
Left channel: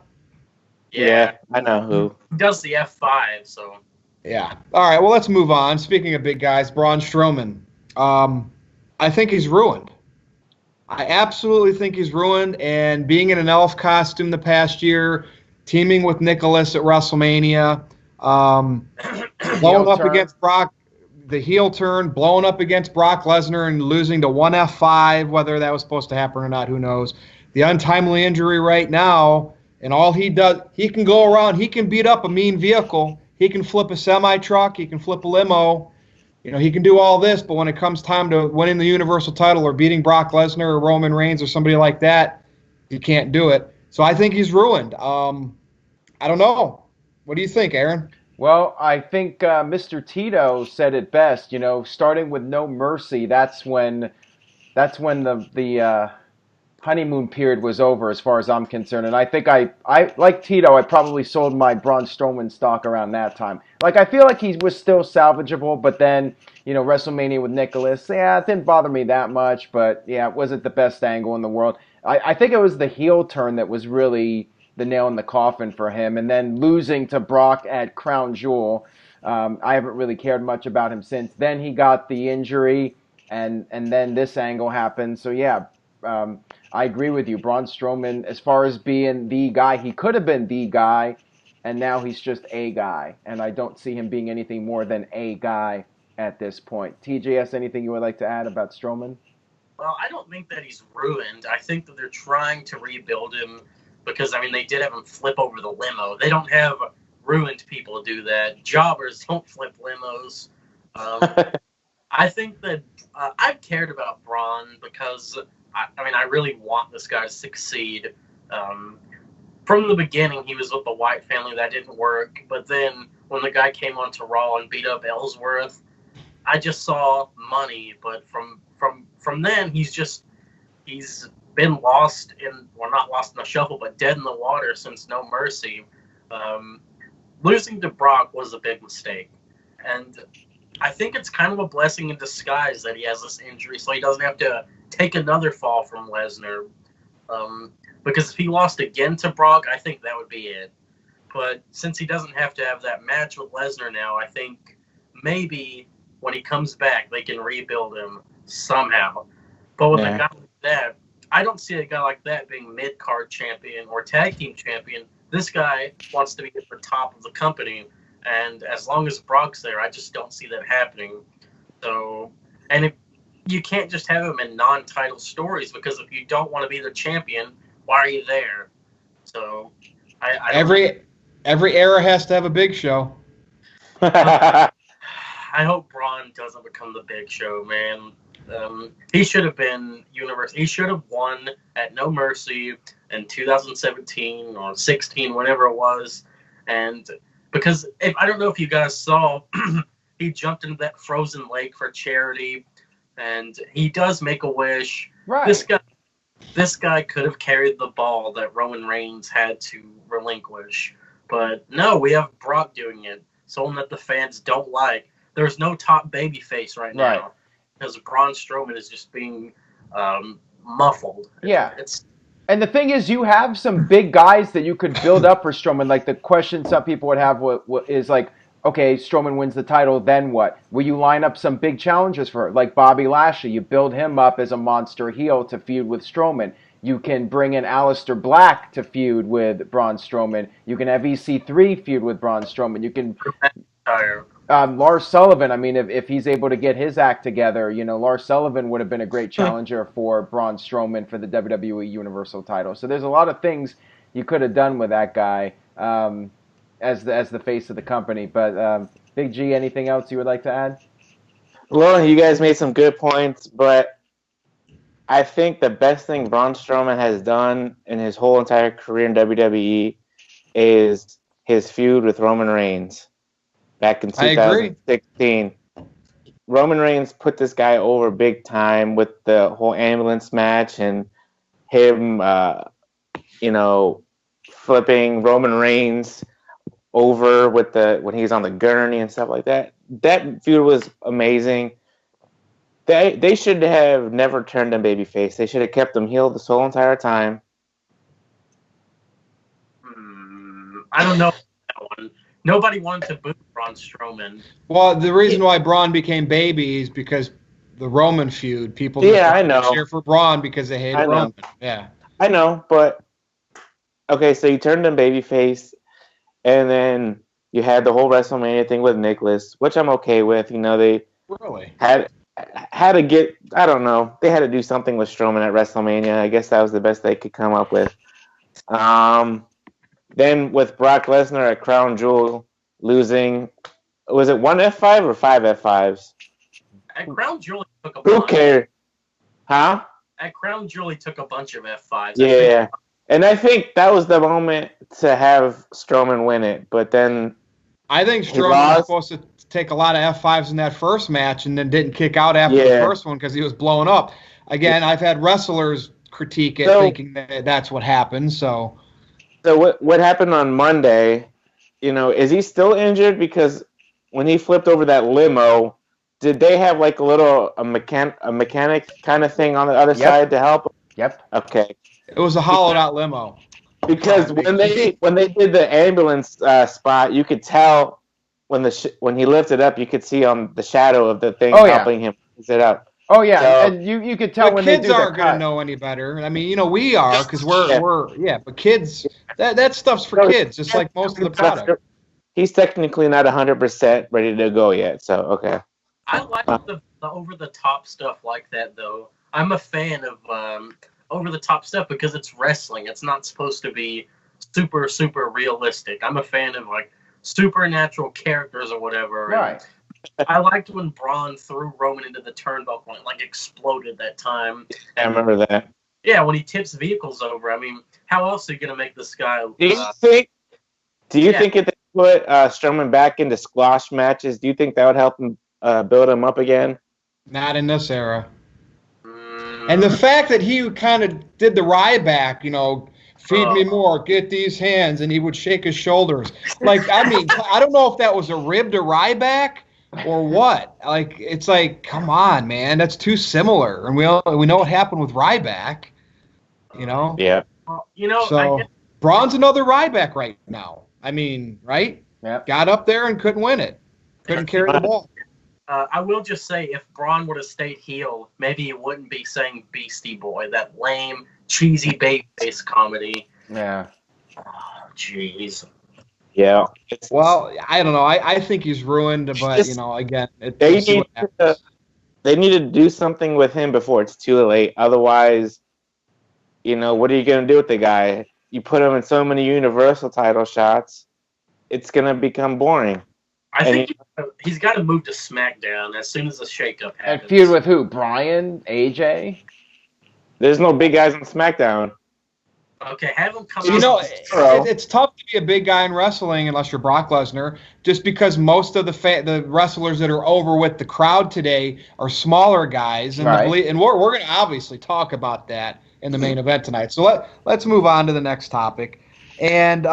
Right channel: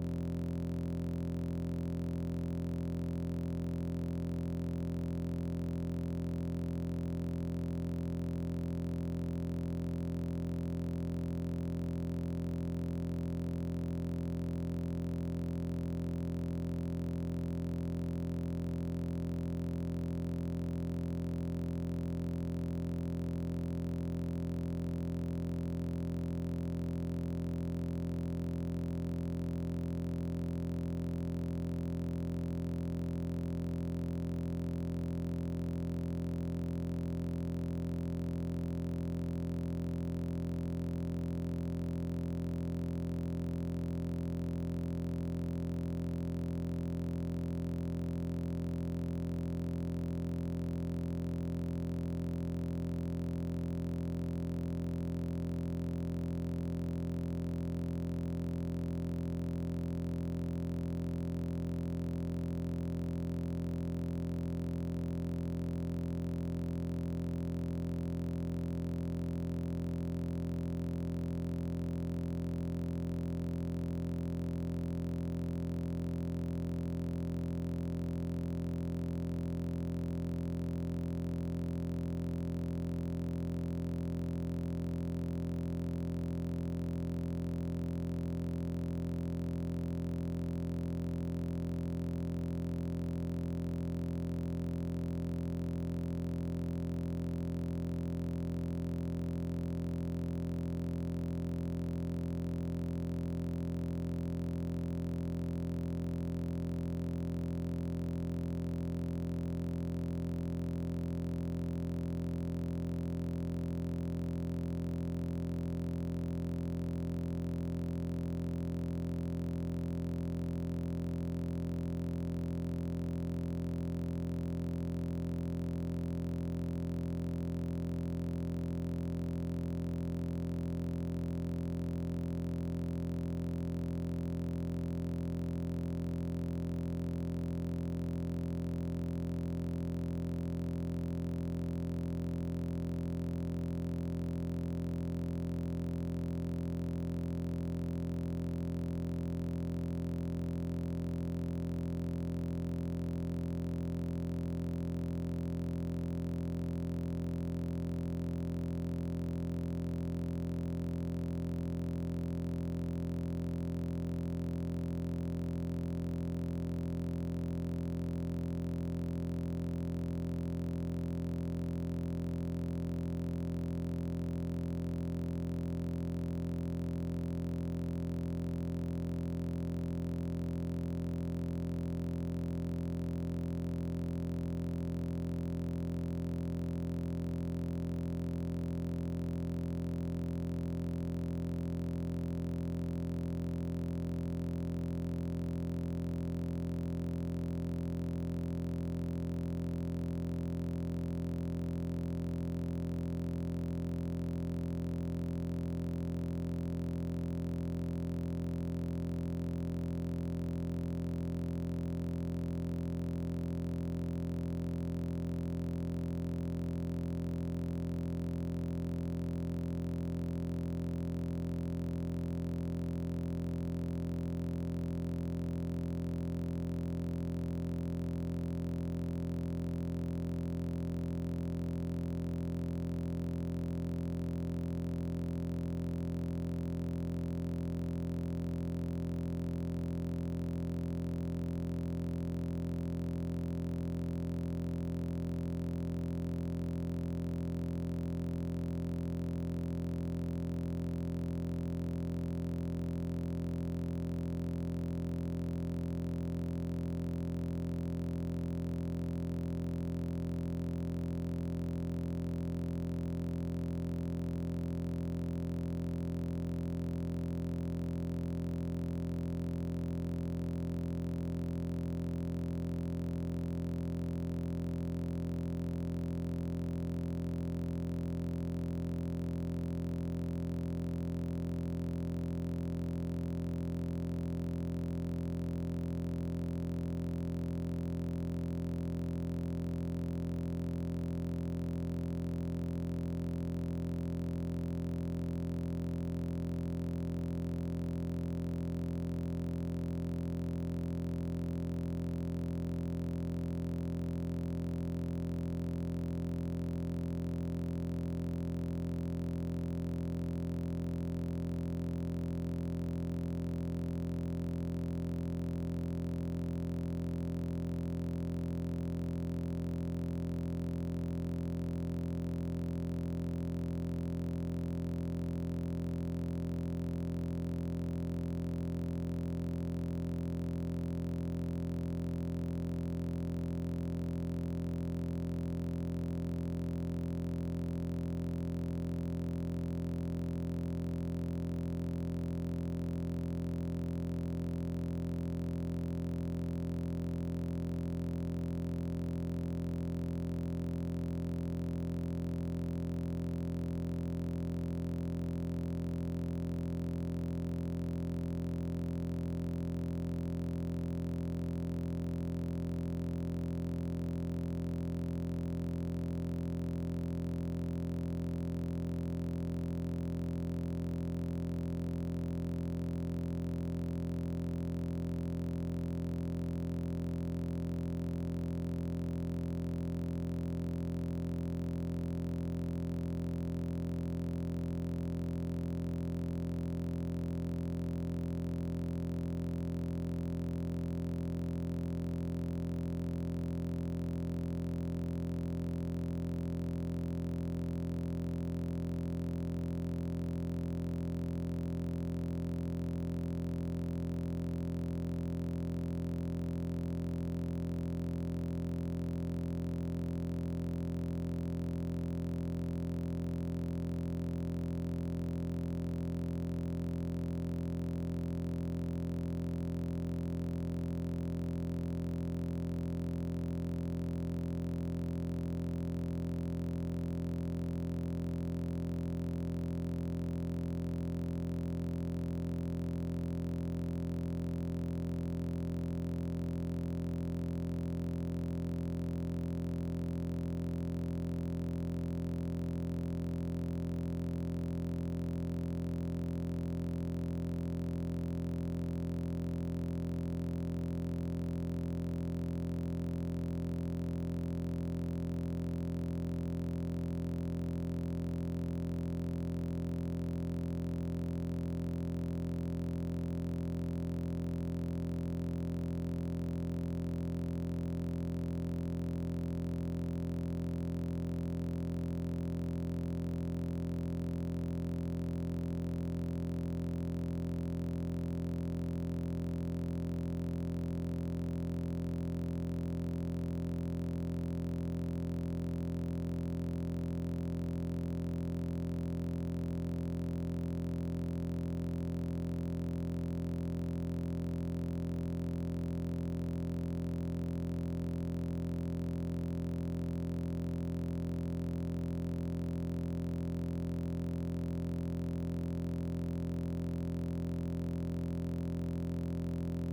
yeah, I know who. he does the F5, so. Yeah. All right. Well, let's move on. Speaking of big guys, Braun Strowman. I think he's ruined. I absolutely think he's ruined. And being in an elf costume the past year, teaming with Nicholas at WrestleMania, blowing Heel up turn. against Brock, the heel turn, blowing up against Brock Lesnar and losing to one F5, whether that was supposed to happen or not, who knows. The untimely injury right now, and all he does, he can go around, he can beat up a mean vehicle, he can flip a semi truck, he can flip a limo. He can do all this, but when it comes time to winning the Universal title or beating Brock Lesnar or Roman Reigns or somebody like that, he can't do it. So I think he's ruined. I don't know. What do you think, Aaron? Well, I think Mr. Tito said it best. Starting with No Mercy, that's when the honeymoon period was over, as far as I'm concerned. And I think I like Tito. I probably sold my Braun Strowman stock around that time. Like, I feel like he was still salvageable, but then WrestleMania with Nicholas, yeah, it didn't bother me that much. But yeah, it wasn't the best angle in the world. I think it was the heel turn that was really the nail in the coffin for him, and then losing to Brock at Crown Jewel. I haven't really cared much about him since. Then he got the injury, and then this angle happened. So yeah, I agree with you. Braun Strowman, as far as being the guy, he could have been the guy, and now he's just a guy. And I don't see him being anything more than a guy at this point. TJS, anything you would like to add about Strowman? Well, I don't think that he's ruined. I think that they're trying to rebuild him because, I mean, they did have him flip over the limo. They don't have ruined people do that. Jobbers don't flip limos. I think that I've cared about Braun because, I really want this guy to succeed. From the beginning, he was with the White family. That didn't work. But then when the guy came onto Raw and beat up Ellsworth, I just saw money. But from then, he's been lost in, well, not lost in the shuffle, but dead in the water since No Mercy. Losing to Brock was a big mistake, and I think it's kind of a blessing in disguise that he has this injury, so he doesn't have to take another fall from Lesnar. Because if he lost again to Brock, I think that would be it. But since he doesn't have to have that match with Lesnar now, I think maybe when he comes back, they can rebuild him somehow. But with a guy like that, I don't see a guy like that being mid-card champion or tag team champion. This guy wants to be at the top of the company, and as long as Brock's there, I just don't see that happening. So, and if you can't just have him in non-title stories, because if you don't want to be the champion, why are you there? So, I every era has to have a Big Show. I hope Braun doesn't become the Big Show, man. He should have been universe. He should have won at No Mercy in 2017 or 16, whatever it was. And because I don't know if you guys saw, he jumped into that frozen lake for charity, and he does make a wish. Right. This guy could have carried the ball that Roman Reigns had to relinquish, but no, we have Brock doing it. Someone that the fans don't like. There's no top babyface right now. Because Braun Strowman is just being muffled. Yeah. And the thing is, you have some big guys that you could build up for Strowman. Like, the question some people would have is like, okay, Strowman wins the title, then what? Will you line up some big challenges for it? Like Bobby Lashley, you build him up as a monster heel to feud with Strowman. You can bring in Aleister Black to feud with Braun Strowman. You can have EC3 feud with Braun Strowman. You can Lars Sullivan. I mean, if he's able to get his act together, Lars Sullivan would have been a great challenger for Braun Strowman for the WWE Universal title. So there's a lot of things you could have done with that guy as the face of the company. But Big G, anything else you would like to add? Well, you guys made some good points, but I think the best thing Braun Strowman has done in his whole entire career in WWE is his feud with Roman Reigns back in 2016. Roman Reigns put this guy over big time with the whole ambulance match and him, flipping Roman Reigns over with when he's on the gurney and stuff like that. That feud was amazing. They should have never turned him babyface. They should have kept him heel this whole entire time. I don't know that one. Nobody wanted to boo Braun Strowman. Well, the reason why Braun became baby is because the Roman feud. People Yeah, I know. cheer for Braun because they hated I know. Roman. Yeah. I know, but okay, so you turned him babyface, and then you had the whole WrestleMania thing with Nicholas, which I'm okay with. You know, they Really? had to get. I don't know. They had to do something with Strowman at WrestleMania. I guess that was the best they could come up with. Then with Brock Lesnar at Crown Jewel losing, was it one F5 or five F5s? At Crown Jewel, he took a Who bunch. cares? Huh? At Crown Jewel, he took a bunch of F5s. Yeah. And I think that was the moment to have Strowman win it, but then I think he Strowman was lost. supposed to take a lot of F5s in that first match and then didn't kick out after the Yeah. first one because he was blowing up. Again, I've had wrestlers critique it, So- thinking that that's what happened. So So what happened on Monday? You know, is he still injured? Because when he flipped over that limo, did they have like a mechanic kind of thing on the other Yep. side to help him? Yep. Okay. it was a hollowed out limo. Because when they did the ambulance spot, you could tell when when he lifted up, you could see on the shadow of the thing Oh, yeah. helping him sit up. Oh yeah, So- and you could tell But when they kids do the aren't going to cut. know any better. I mean, we are because Yeah. but kids, that stuff's for No, kids, just like most of the product. He's technically not 100% ready to go yet, so okay. I like the over-the-top stuff like that, though. I'm a fan of over-the-top stuff because it's wrestling. It's not supposed to be super, super realistic. I'm a fan of, like, supernatural characters or whatever. Right. I liked when Braun threw Roman into the turnbuckle and, like, exploded that time. I remember that. Yeah, when he tips vehicles over. I mean, how else are you going to make this guy... Do you think if they put Strowman back into squash matches, do you think that would help him build him up again? Not in this era. And the fact that he kind of did the Ryback, feed me more, get these hands, and he would shake his shoulders. Like, I mean, I don't know if that was a rib to Ryback or what. Like, it's like, come on, man, that's too similar. And we know what happened with Ryback, Yeah. Well, So Braun's another Ryback right now. I mean, right? Yeah. Got up there and couldn't win it. Couldn't carry the ball. I will just say, if Braun would have stayed heel, maybe he wouldn't be saying Beastie Boy, that lame, cheesy babyface comedy. Yeah. Oh, jeez. Yeah. Well, I don't know. I think he's ruined, but Just- again, They we'll see need what happens. they need to do something with him before it's too late. Otherwise, what are you gonna do with the guy? You put him in so many Universal title shots, it's gonna become boring. I think he's got to move to SmackDown as soon as the shakeup And happens. feud with who? Bryan? AJ? There's no big guys on SmackDown. Okay, have him come It's tough to be a big guy in wrestling unless you're Brock Lesnar, just because most of the wrestlers that are over with the crowd today are smaller guys, and Right. and we're going to obviously talk about that in the main event tonight. So let's move on to the next topic, and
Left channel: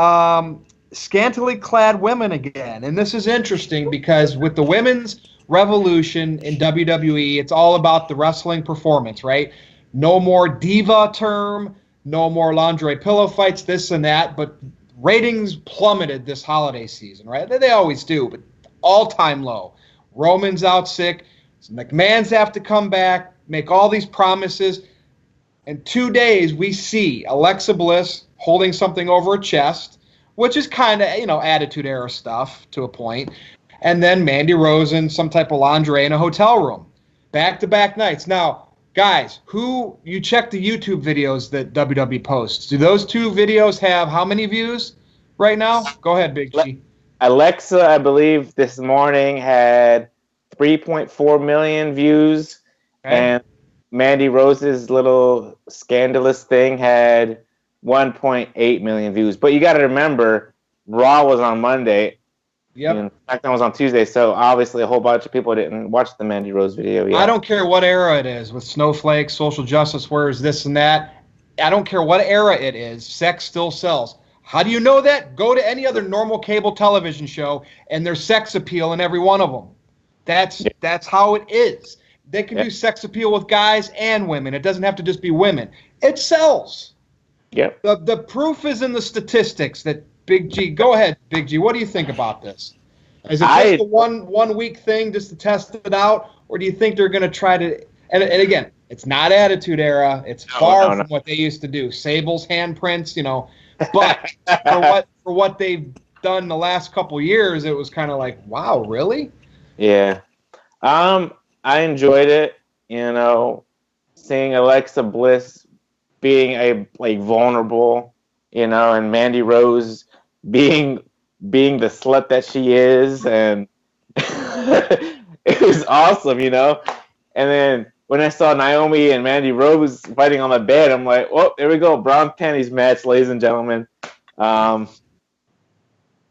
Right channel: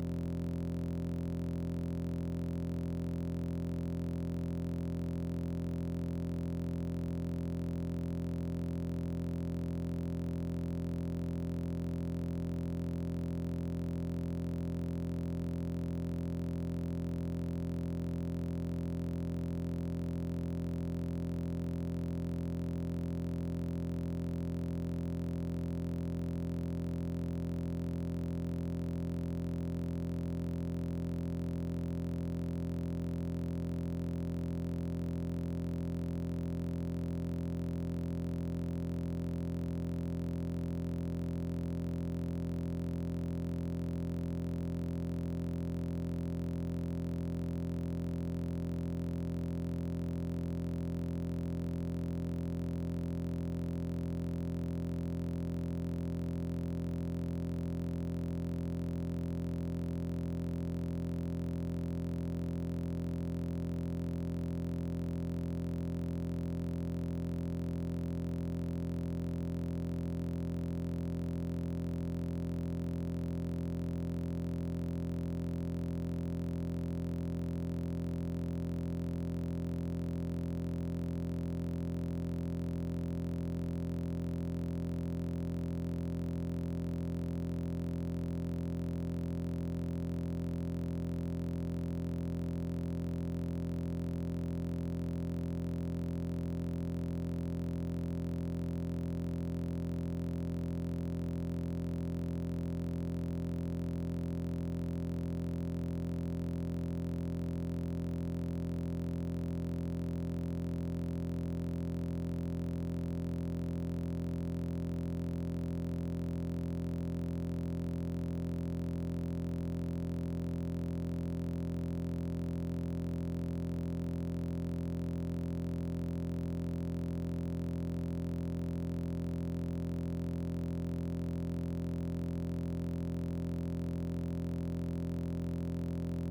scantily clad women again, and this is interesting because with the women's revolution in WWE, it's all about the wrestling performance, right? No more diva term. No more lingerie pillow fights, this and that, but ratings plummeted this holiday season, right? They always do, but all-time low. Roman's out sick. McMahon's have to come back, make all these promises. In 2 days, we see Alexa Bliss holding something over her chest, which is kind of, Attitude Era stuff to a point. And then Mandy Rose in some type of lingerie in a hotel room. Back-to-back nights. Now, guys, you check the YouTube videos that WWE posts. Do those two videos have how many views right now? Go ahead, Big G. Alexa, I believe this morning had 3.4 million views, Okay. and Mandy Rose's little scandalous thing had 1.8 million views. But you got to remember, Raw was on Monday. Yep. And SmackDown was on Tuesday, so obviously a whole bunch of people didn't watch the Mandy Rose video yet. I don't care what era it is, with snowflakes, social justice warriors, this and that. I don't care what era it is. Sex still sells. How do you know that? Go to any other normal cable television show, and there's sex appeal in every one of them. That's how it is. They can do sex appeal with guys and women. It doesn't have to just be women. It sells. Yep. The proof is in the statistics that Big G. Go ahead, Big G. What do you think about this? Is it just a one week thing just to test it out, or do you think they're going to try to? And again, it's not Attitude Era. It's far from what they used to do. Sable's handprints, But for what they've done the last couple years, it was kind of like, wow, really? Yeah. I enjoyed it. Seeing Alexa Bliss being vulnerable, and Mandy Rose being the slut that she is, and it was awesome, And then when I saw Naomi and Mandy Rose fighting on the bed, I'm like, well, there we go, brown panties match, ladies and gentlemen.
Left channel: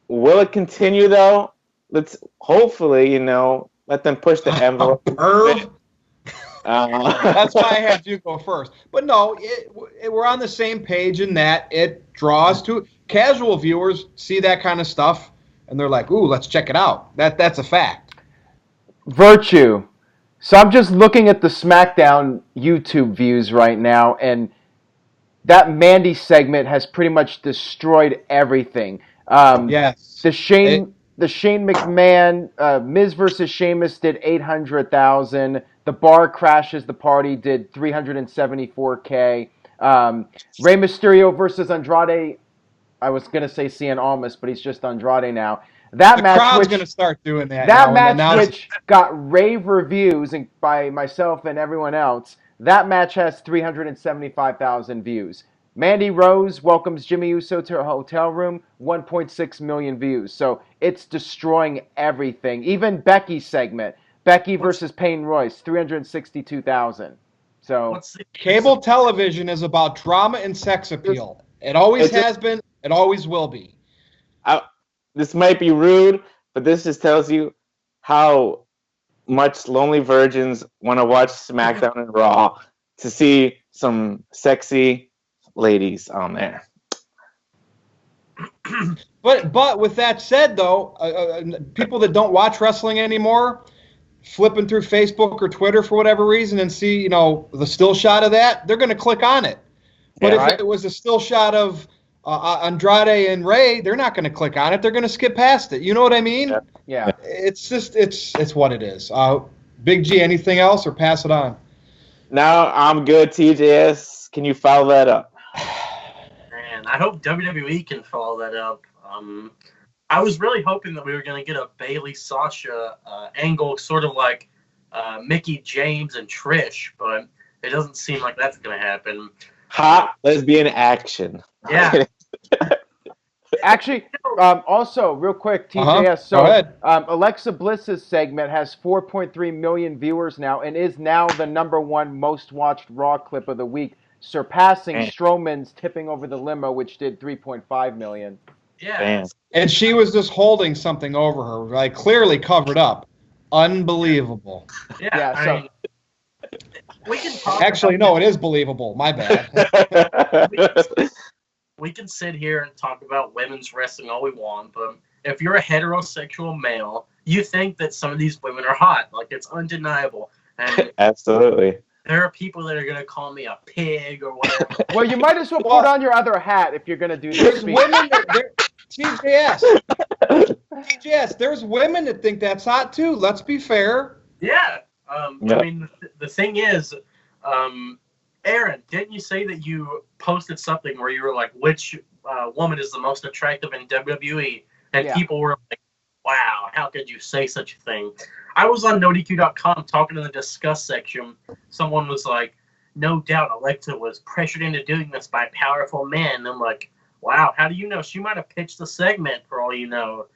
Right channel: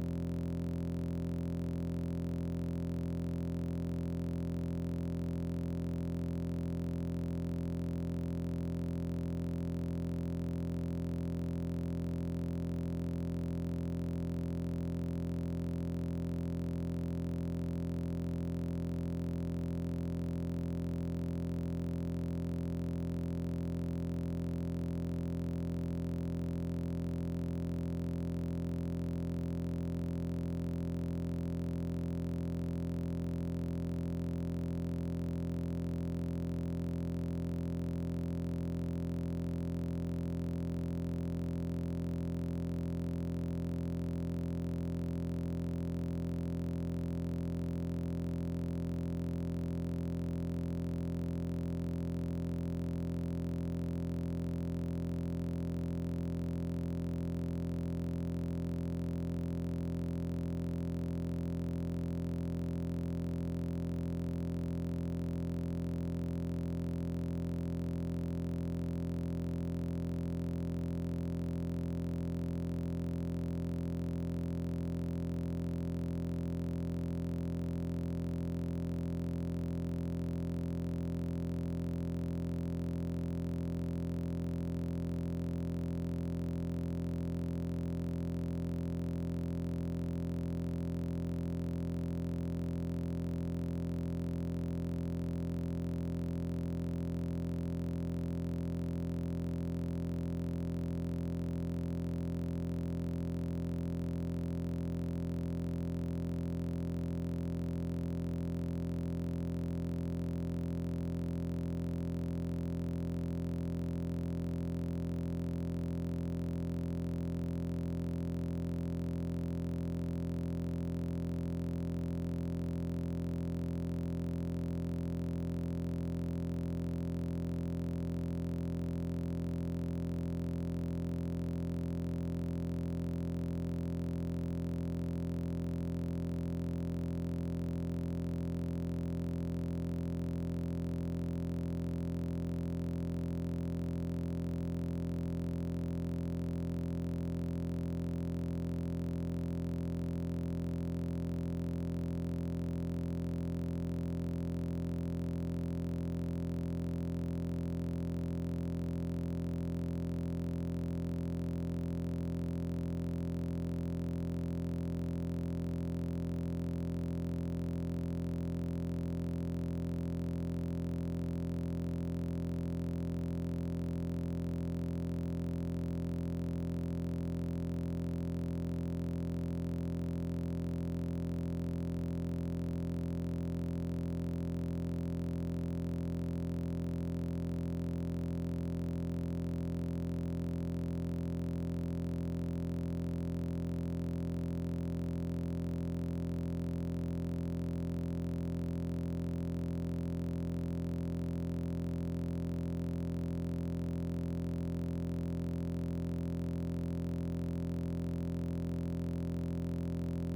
Will it continue though? Let's hopefully, let them push the envelope. That's why I had you go first. But no, we're on the same page in that it draws to casual viewers see that kind of stuff and they're like, "Ooh, let's check it out." That's a fact. Virtue. So I'm just looking at the SmackDown YouTube views right now, and that Mandy segment has pretty much destroyed everything. Yes. The Shane McMahon Miz versus Sheamus did 800,000. The Bar Crashes the Party did 374K. Rey Mysterio versus Andrade. I was gonna say Cien Almas, but he's just Andrade now. That the match, crowd's gonna start doing that. That match, which got rave reviews by myself and everyone else, that match has 375,000 views. Mandy Rose welcomes Jimmy Uso to her hotel room, 1.6 million views. So it's destroying everything. Even Becky's segment, Becky versus Payne Royce, 362,000. So cable television is about drama and sex appeal. It always has been. It always will be. This might be rude, but this just tells you how much lonely virgins want to watch SmackDown and Raw to see some sexy ladies on there. But with that said, though, people that don't watch wrestling anymore, flipping through Facebook or Twitter for whatever reason and see, the still shot of that, they're going to click on it. But if it was a still shot of Andrade and Ray, they're not going to click on it. They're going to skip past it. You know what I mean? Yeah. It's just it's what it is. Big G, anything else or pass it on? No, I'm good. TJS, can you follow that up? Man, I hope WWE can follow that up. I was really hoping that we were going to get a Bayley Sasha angle, sort of like Mickie James and Trish, but it doesn't seem like that's going to happen. Hot lesbian action. Yeah. Actually, also, real quick, TJS. So, go ahead. Alexa Bliss's segment has 4.3 million viewers now and is now the #1 most watched Raw clip of the week, surpassing Strowman's tipping over the limo, which did 3.5 million. Yeah. And she was just holding something over her, like clearly covered up. Unbelievable. Yeah. I mean, we can talk. Actually, no, it is believable. My bad. We can sit here and talk about women's wrestling all we want, but if you're a heterosexual male, you think that some of these women are hot. Like, it's undeniable. And absolutely. There are people that are going to call me a pig or whatever. Well, you might as well put on your other hat if you're going to do this. There's women TJS, there's women that think that's hot too. Let's be fair. Yeah. I mean, the thing is, Aaron, didn't you say that you posted something where you were like, which woman is the most attractive in WWE? And people were like, wow, how could you say such a thing? I was on NoDQ.com talking in the discuss section. Someone was like, no doubt Alexa was pressured into doing this by powerful men. And I'm like, wow, how do you know? She might have pitched the segment for all you know.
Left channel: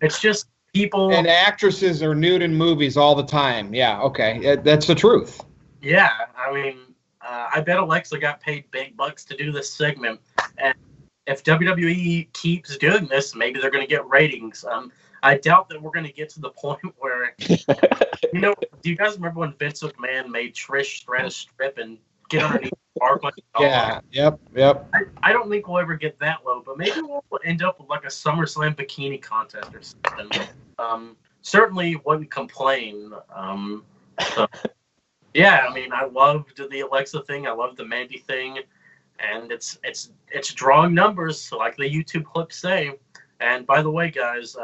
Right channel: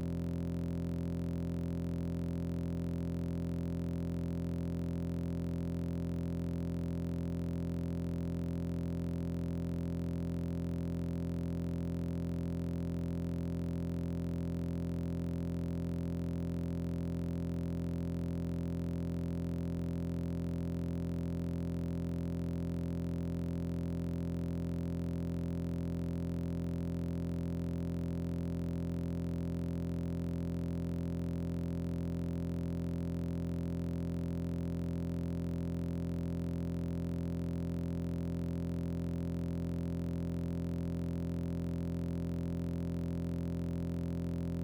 It's just people... And actresses are nude in movies all the time. Yeah, okay. That's the truth. Yeah, I mean, I bet Alexa got paid big bucks to do this segment. And if WWE keeps doing this, maybe they're going to get ratings. I doubt that we're going to get to the point where, do you guys remember when Vince McMahon made Trish Stratus strip and get underneath the bar? Yeah, yep. I don't think we'll ever get that low, but maybe we'll end up with like a SummerSlam bikini contest or something. Certainly wouldn't complain. Yeah, I mean, I loved the Alexa thing. I loved the Mandy thing. and it's drawing numbers, like the YouTube clips say. And by the way, guys,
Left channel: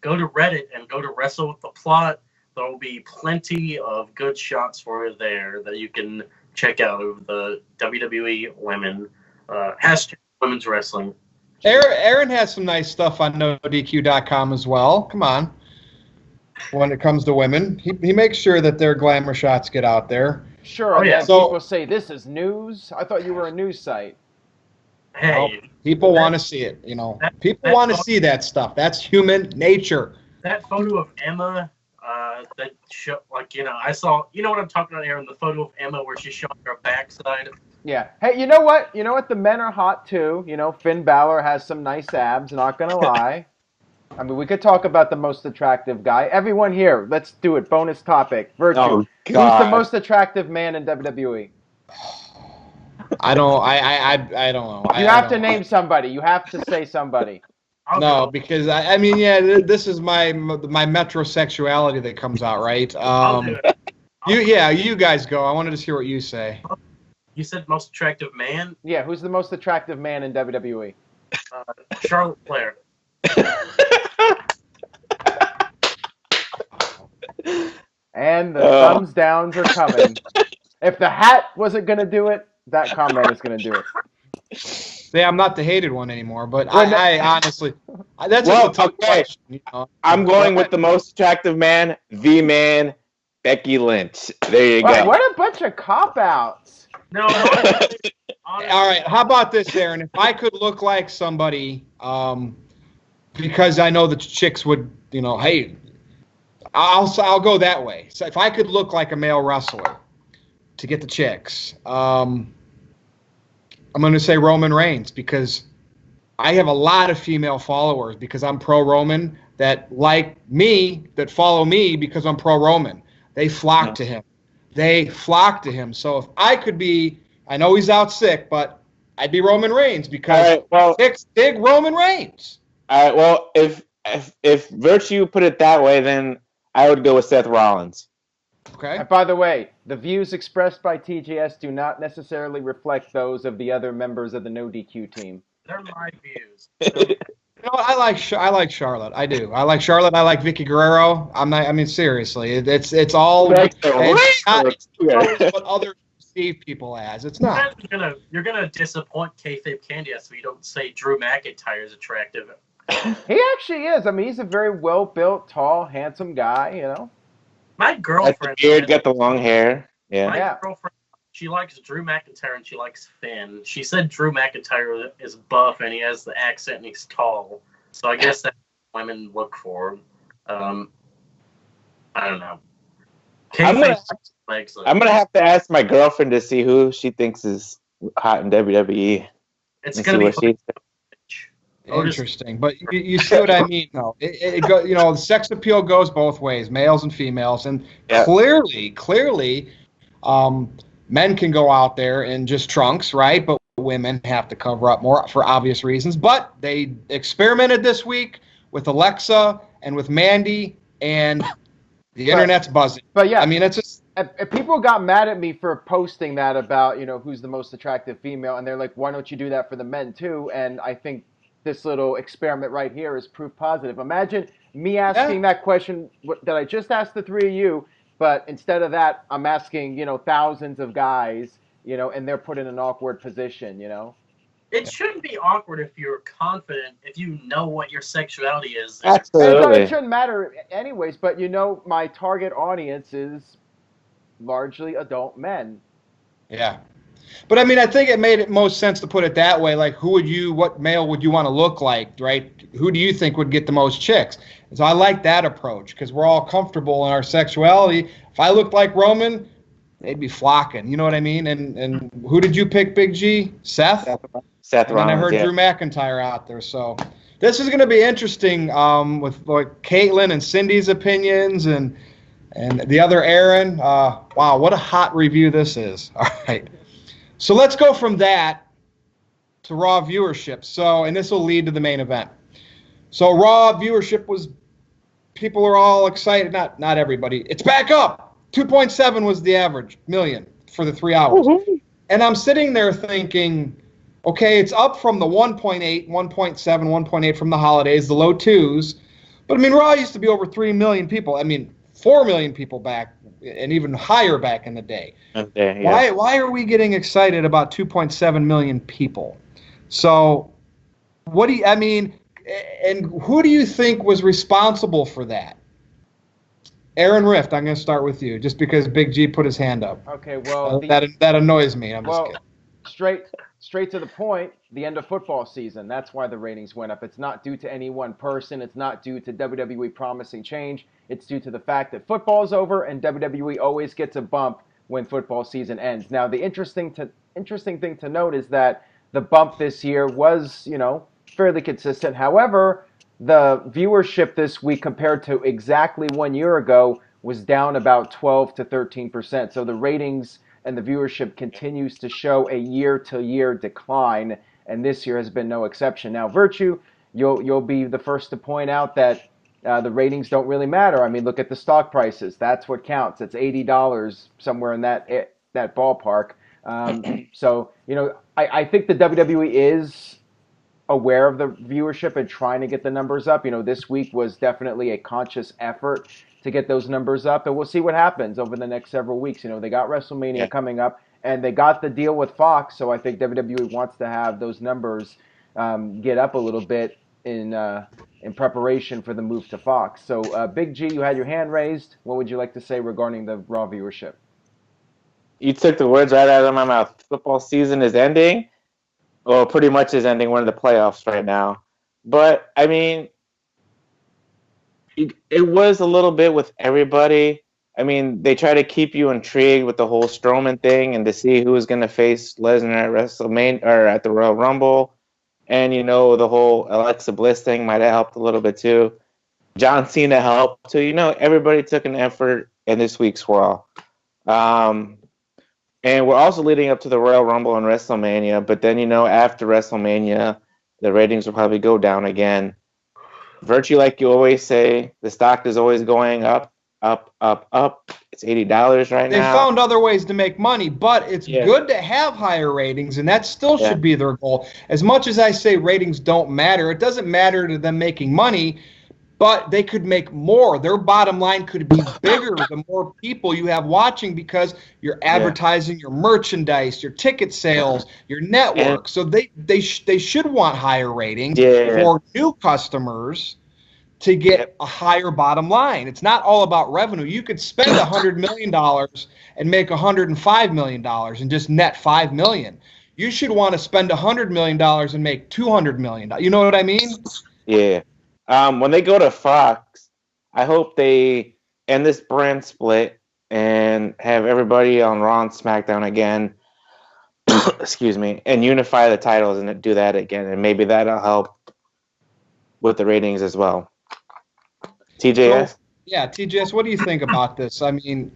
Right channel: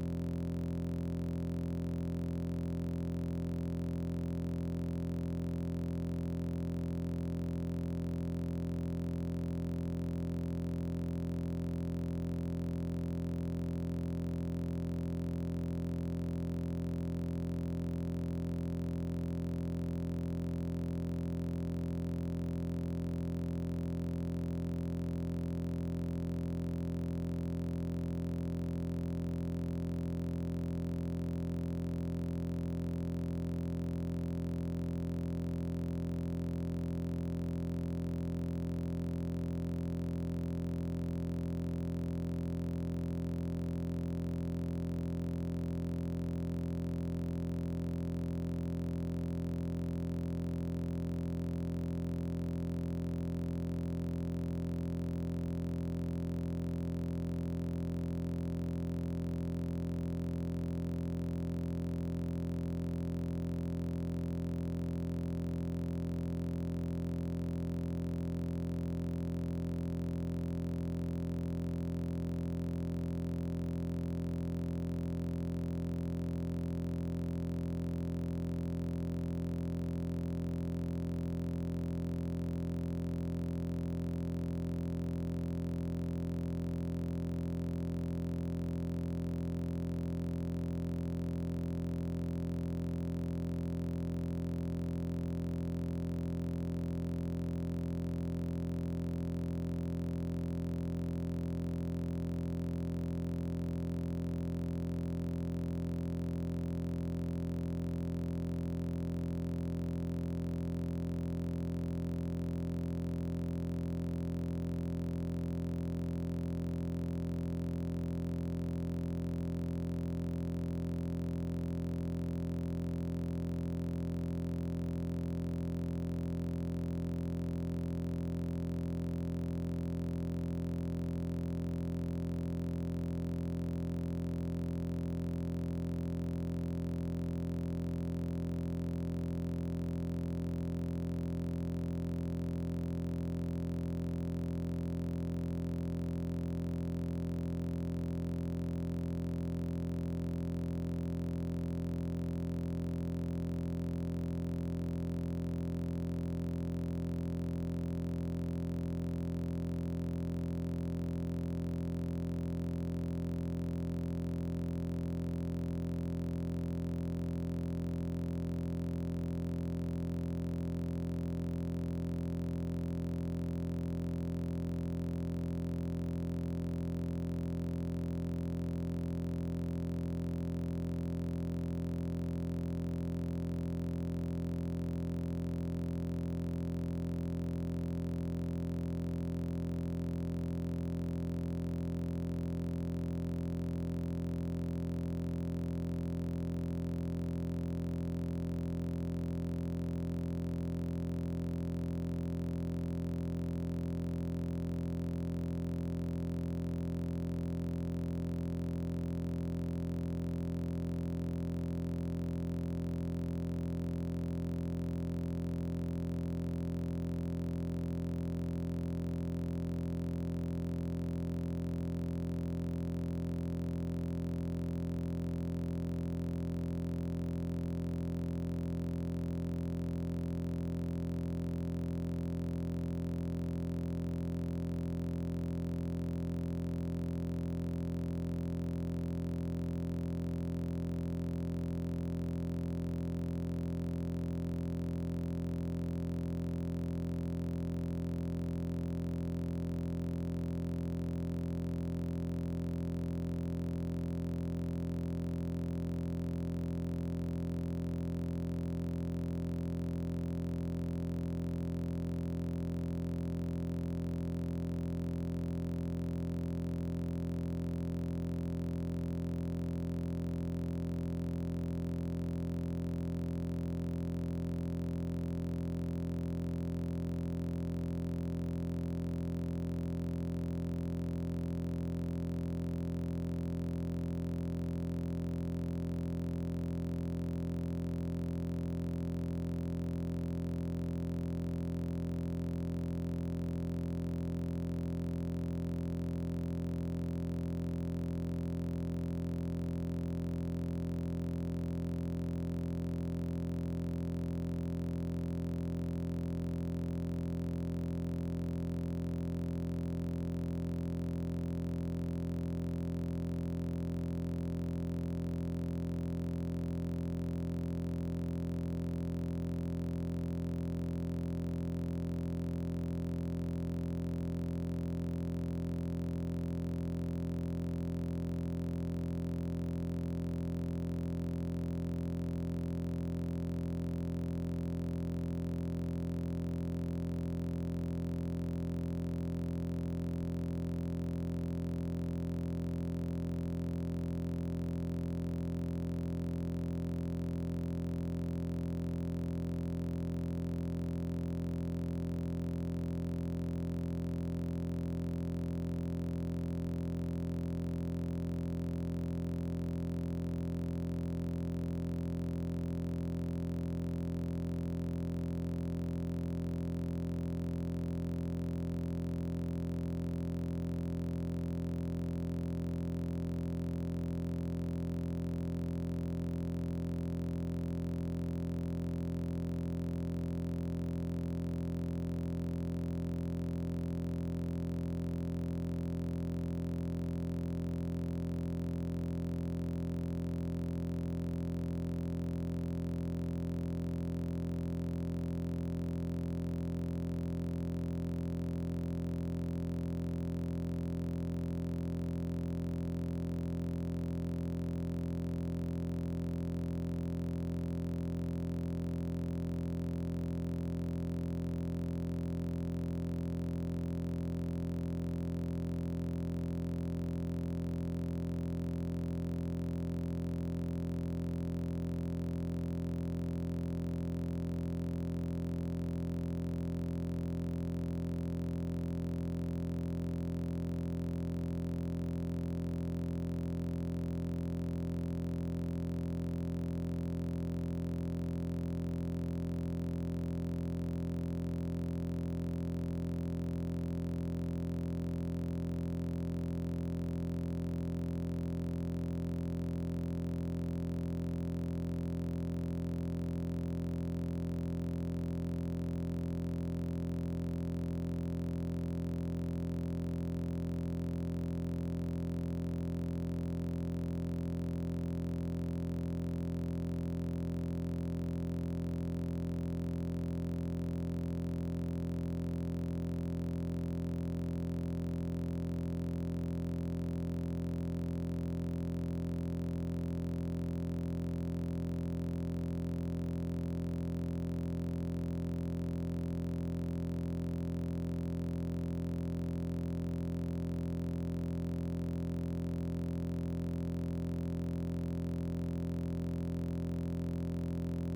go to Reddit and go to Wrestle with the Plot. There will be plenty of good shots for you there that you can check out of the WWE women, hashtag women's wrestling. Aaron has some nice stuff on NoDQ.com as well. Come on. When it comes to women, he makes sure that their glamour shots get out there. Sure, Oh, and yeah. then So- people say this is news. I thought you were a news site. Hey, People want to see it, you know. People want to see that stuff. That's human nature. that photo of Emma, that show, like, I saw, you know what I'm talking about here, the photo of Emma where she's showing her backside. Yeah. Hey, you know what? You know what? The men are hot too. You know, Finn Balor has some nice abs. Not gonna lie. I mean, we could talk about the most attractive guy. Everyone here, let's do it. Bonus topic. Virtue. Oh, Who's God. the most attractive man in WWE? I don't know. You have to name somebody. You have to say somebody. I'll No, go. because I mean, yeah, this is my metrosexuality that comes out, right? I'll do it. You guys go. I wanted to hear what you say. You said most attractive man? Yeah, who's the most attractive man in WWE? Charlotte Flair. And the thumbs downs are coming. If the hat wasn't gonna do it, that comment is gonna do it. Yeah, I'm not the hated one anymore, but Well, I honestly, that's Well, a tough okay. question. You know? I'm going with the most attractive man, the man, Becky Lynch. There you Wow, go. what a bunch of cop outs. No, honestly, All right, how about this, Aaron? If I could look like somebody, because I know the chicks would, you know, hey, I'll go that way. So if I could look like a male wrestler to get the chicks, I'm going to say Roman Reigns, because I have a lot of female followers because I'm pro Roman that like me, that follow me because I'm pro Roman. They flock to him. They flock to him. So if I could be, I know he's out sick, but I'd be Roman Reigns because All right, well, chicks dig Roman Reigns. all right, well, if Virtue put it that way, then I would go with Seth Rollins. Okay. And by the way, the views expressed by TJS do not necessarily reflect those of the other members of the NoDQ team. they're my views. You know, I like Charlotte. I do. I like Charlotte. I like Vicky Guerrero. I mean, seriously, it's all. Like the It's not Raiders. what other perceive people as. It's not. You're gonna disappoint Kayfabe Candy so you don't say Drew McIntyre is attractive. He actually is. I mean, he's a very well-built, tall, handsome guy, you know. My Got the girlfriend. beard, got the long hair. Yeah. My Yeah. girlfriend, she likes Drew McIntyre and she likes Finn. She said Drew McIntyre is buff and he has the accent and he's tall. So I guess that's what women look for. I don't know. I'm gonna have to ask my girlfriend to see who she thinks is hot in WWE. It's and gonna see be what she. Interesting, but you see what I mean, though. It go, you know, the sex appeal goes both ways, males and females, and Yeah. clearly, men can go out there in just trunks, right? But women have to cover up more for obvious reasons. But they experimented this week with Alexa and with Mandy, and the internet's buzzing. But yeah, I mean, it's just if people got mad at me for posting that about, you know, who's the most attractive female, and they're like, why don't you do that for the men too? And I think this little experiment right here is proof positive. Imagine me asking that question that I just asked the three of you, but instead of that, I'm asking, you know, thousands of guys, you know, and they're put in an awkward position, you know. It shouldn't be awkward if you're confident, if you know what your sexuality is. And Absolutely. it shouldn't matter anyways, but you know, my target audience is largely adult men. yeah. But I mean, I think it made it most sense to put it that way. Like, what male would you want to look like, right? Who do you think would get the most chicks? So I like that approach because we're all comfortable in our sexuality. If I looked like Roman, they'd be flocking. You know what I mean? And who did you pick, Big G? Seth? Seth And then I Rollins. heard Yeah. Drew McIntyre out there. So this is going to be interesting with like Caitlin and Cindy's opinions and the other Aaron. Wow, what a hot review this is. All right. So let's go from that to Raw viewership. So, and this will lead to the main event. So Raw viewership was, people are all excited. Not everybody. It's back up. 2.7 was the average million for the 3 hours. Woohoo. And I'm sitting there thinking, Okay, it's up from the 1.8, 1.7, 1.8 from the holidays, the low twos. But I mean, Raw used to be over 3 million people. I mean, 4 million people back, and even higher back in the day. Okay, yeah. Why are we getting excited about 2.7 million people? So, what do you, I mean, and who do you think was responsible for that? Aaron Rift, I'm going to start with you, just because Big G put his hand up. Okay, well, That annoys me. I'm just well, kidding. straight to the point. The end of football season. That's why the ratings went up. It's not due to any one person. It's not due to WWE promising change. It's due to the fact that football is over and WWE always gets a bump when football season ends. Now, the interesting thing to note is that the bump this year was, fairly consistent. However, the viewership this week compared to exactly 1 year ago was down about 12 to 13%. So the ratings and the viewership continues to show a year-to-year decline, and this year has been no exception. Now, Virtue, you'll be the first to point out that the ratings don't really matter. I mean, look at the stock prices. That's what counts. It's $80 somewhere in that ballpark. So I think the WWE is aware of the viewership and trying to get the numbers up. This week was definitely a conscious effort to get those numbers up, and we'll see what happens over the next several weeks. They got WrestleMania coming up, and they got the deal with Fox, so I think WWE wants to have those numbers get up a little bit in preparation for the move to Fox. So, Big G, you had your hand raised. What would you like to say regarding the Raw viewership? You took the words right out of my mouth. Football season is ending. Well, pretty much is ending. We're in the playoffs right now. But, I mean, it was a little bit with everybody. I mean, they try to keep you intrigued with the whole Strowman thing and to see who was going to face Lesnar at WrestleMania or at the Royal Rumble. And, the whole Alexa Bliss thing might have helped a little bit too. John Cena helped. So, everybody took an effort in this week's Raw. And we're also leading up to the Royal Rumble and WrestleMania. But then, after WrestleMania, the ratings will probably go down again. Virtue, like you always say, the stock is always going up, up, up, up. It's $80 right They now. found other ways to make money, but it's good to have higher ratings, and that still should be their goal. As much as I say ratings don't matter, it doesn't matter to them making money, but they could make more. Their bottom line could be bigger the more people you have watching because you're advertising your merchandise, your ticket sales, your network. So they should want higher ratings for new customers to get a higher bottom line. It's not all about revenue. You could spend $100 million and make $105 million and just net $5 million. You should want to spend $100 million and make $200 million. You know what I mean? Yeah. When they go to Fox, I hope they end this brand split and have everybody on Raw and SmackDown again. Excuse me, and unify the titles and do that again, and maybe that'll help with the ratings as well. TJS? So, yeah, TJS, what do you think about this? I mean,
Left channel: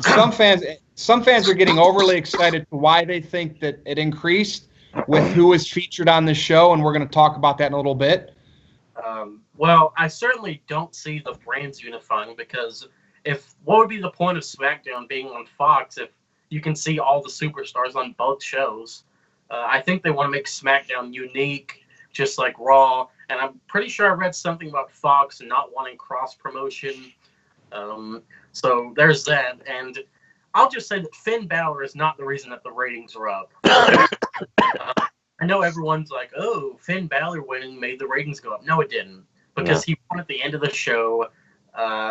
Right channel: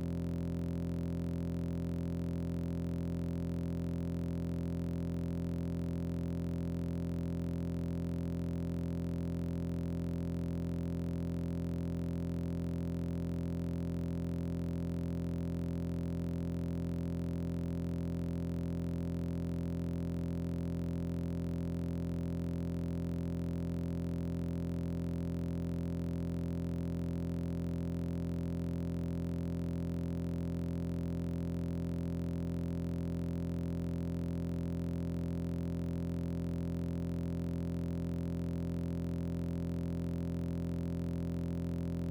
some fans are getting overly excited to why they think that it increased with who is featured on the show, and we're going to talk about that in a little bit. Well, I certainly don't see the brands unifying because what would be the point of SmackDown being on Fox if you can see all the superstars on both shows? I think they want to make SmackDown unique, just like Raw, and I'm pretty sure I read something about Fox not wanting cross promotion. So there's that, and I'll just say that Finn Balor is not the reason that the ratings are up. I know everyone's like, oh, Finn Balor winning made the ratings go up. No, it didn't, because he won at the end of the show.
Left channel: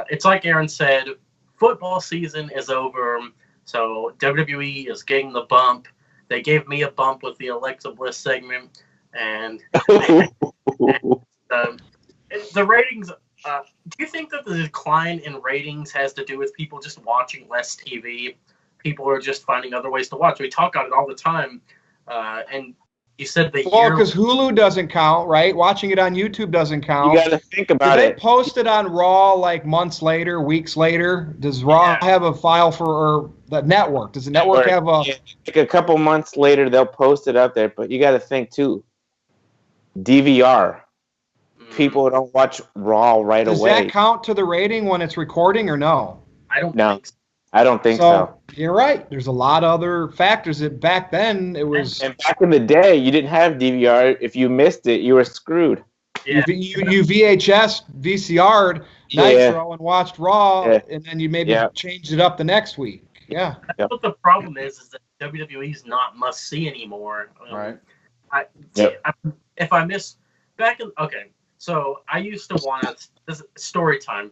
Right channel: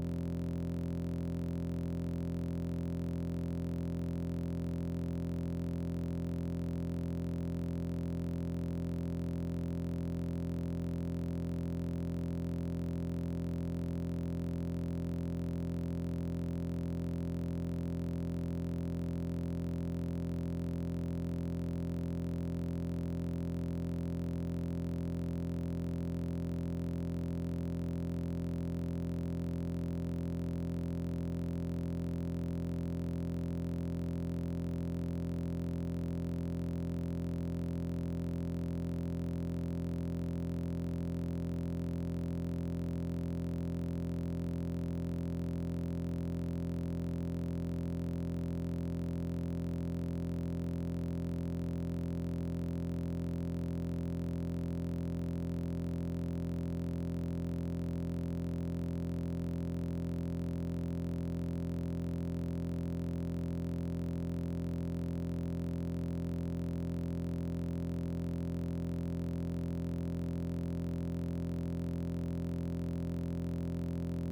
It's like Aaron said, football season is over, so WWE is getting the bump. They gave me a bump with the Alexa Bliss segment, and the ratings. Do you think that the decline in ratings has to do with people just watching less TV? People are just finding other ways to watch. We talk about it all the time, and you said because Hulu doesn't count, right? Watching it on YouTube doesn't count. You got to think about it. Do they post it on Raw like months later, weeks later? Does Raw have a file for the network? Does the network have a? Yeah, like a couple months later, they'll post it up there. But you got to think too. DVR. People don't watch Raw right away. Does that count to the rating when it's recording or no? I don't think so. I don't think so. You're right. There's a lot of other factors that back then it was. And back in the day, you didn't have DVR. If you missed it, you were screwed. You, Yeah. you VHS, VCR'd Nitro and watched Raw, Yeah. and then you maybe Yeah. changed it up the next week. Yeah. That's what the problem is that WWE's not must see anymore. Right. If I miss back in so I used to want this is story time.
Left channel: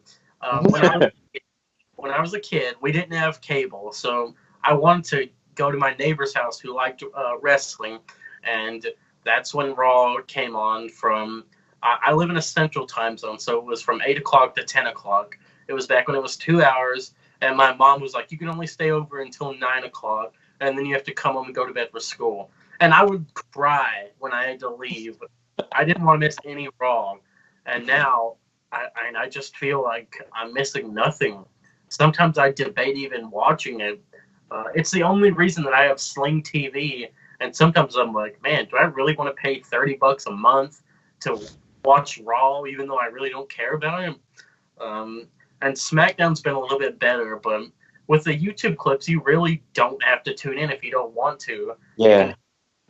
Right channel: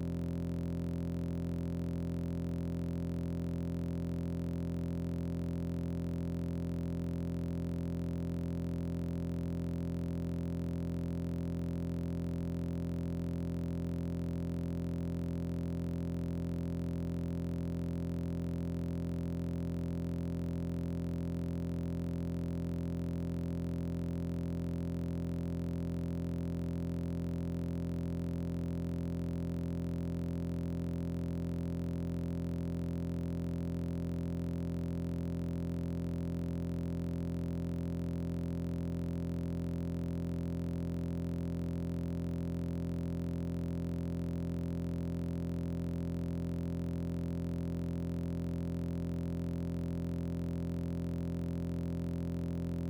When I was a kid, we didn't have cable, so I wanted to go to my neighbor's house who liked wrestling, and that's when Raw came on. I live in a central time zone, so it was from 8 o'clock to 10 o'clock. It was back when it was 2 hours, and my mom was like, "You can only stay over until 9 o'clock, and then you have to come home and go to bed for school." And I would cry when I had to leave. I didn't want to miss any Raw, and now I just feel like I'm missing nothing. Sometimes I debate even watching it. It's the only reason that I have Sling TV, and sometimes I'm like, man, do I really want to pay $30 a month to watch Raw, even though I really don't care about it? And SmackDown's been a little bit better, but with the YouTube clips, you really don't have to tune in if you don't want to. Yeah.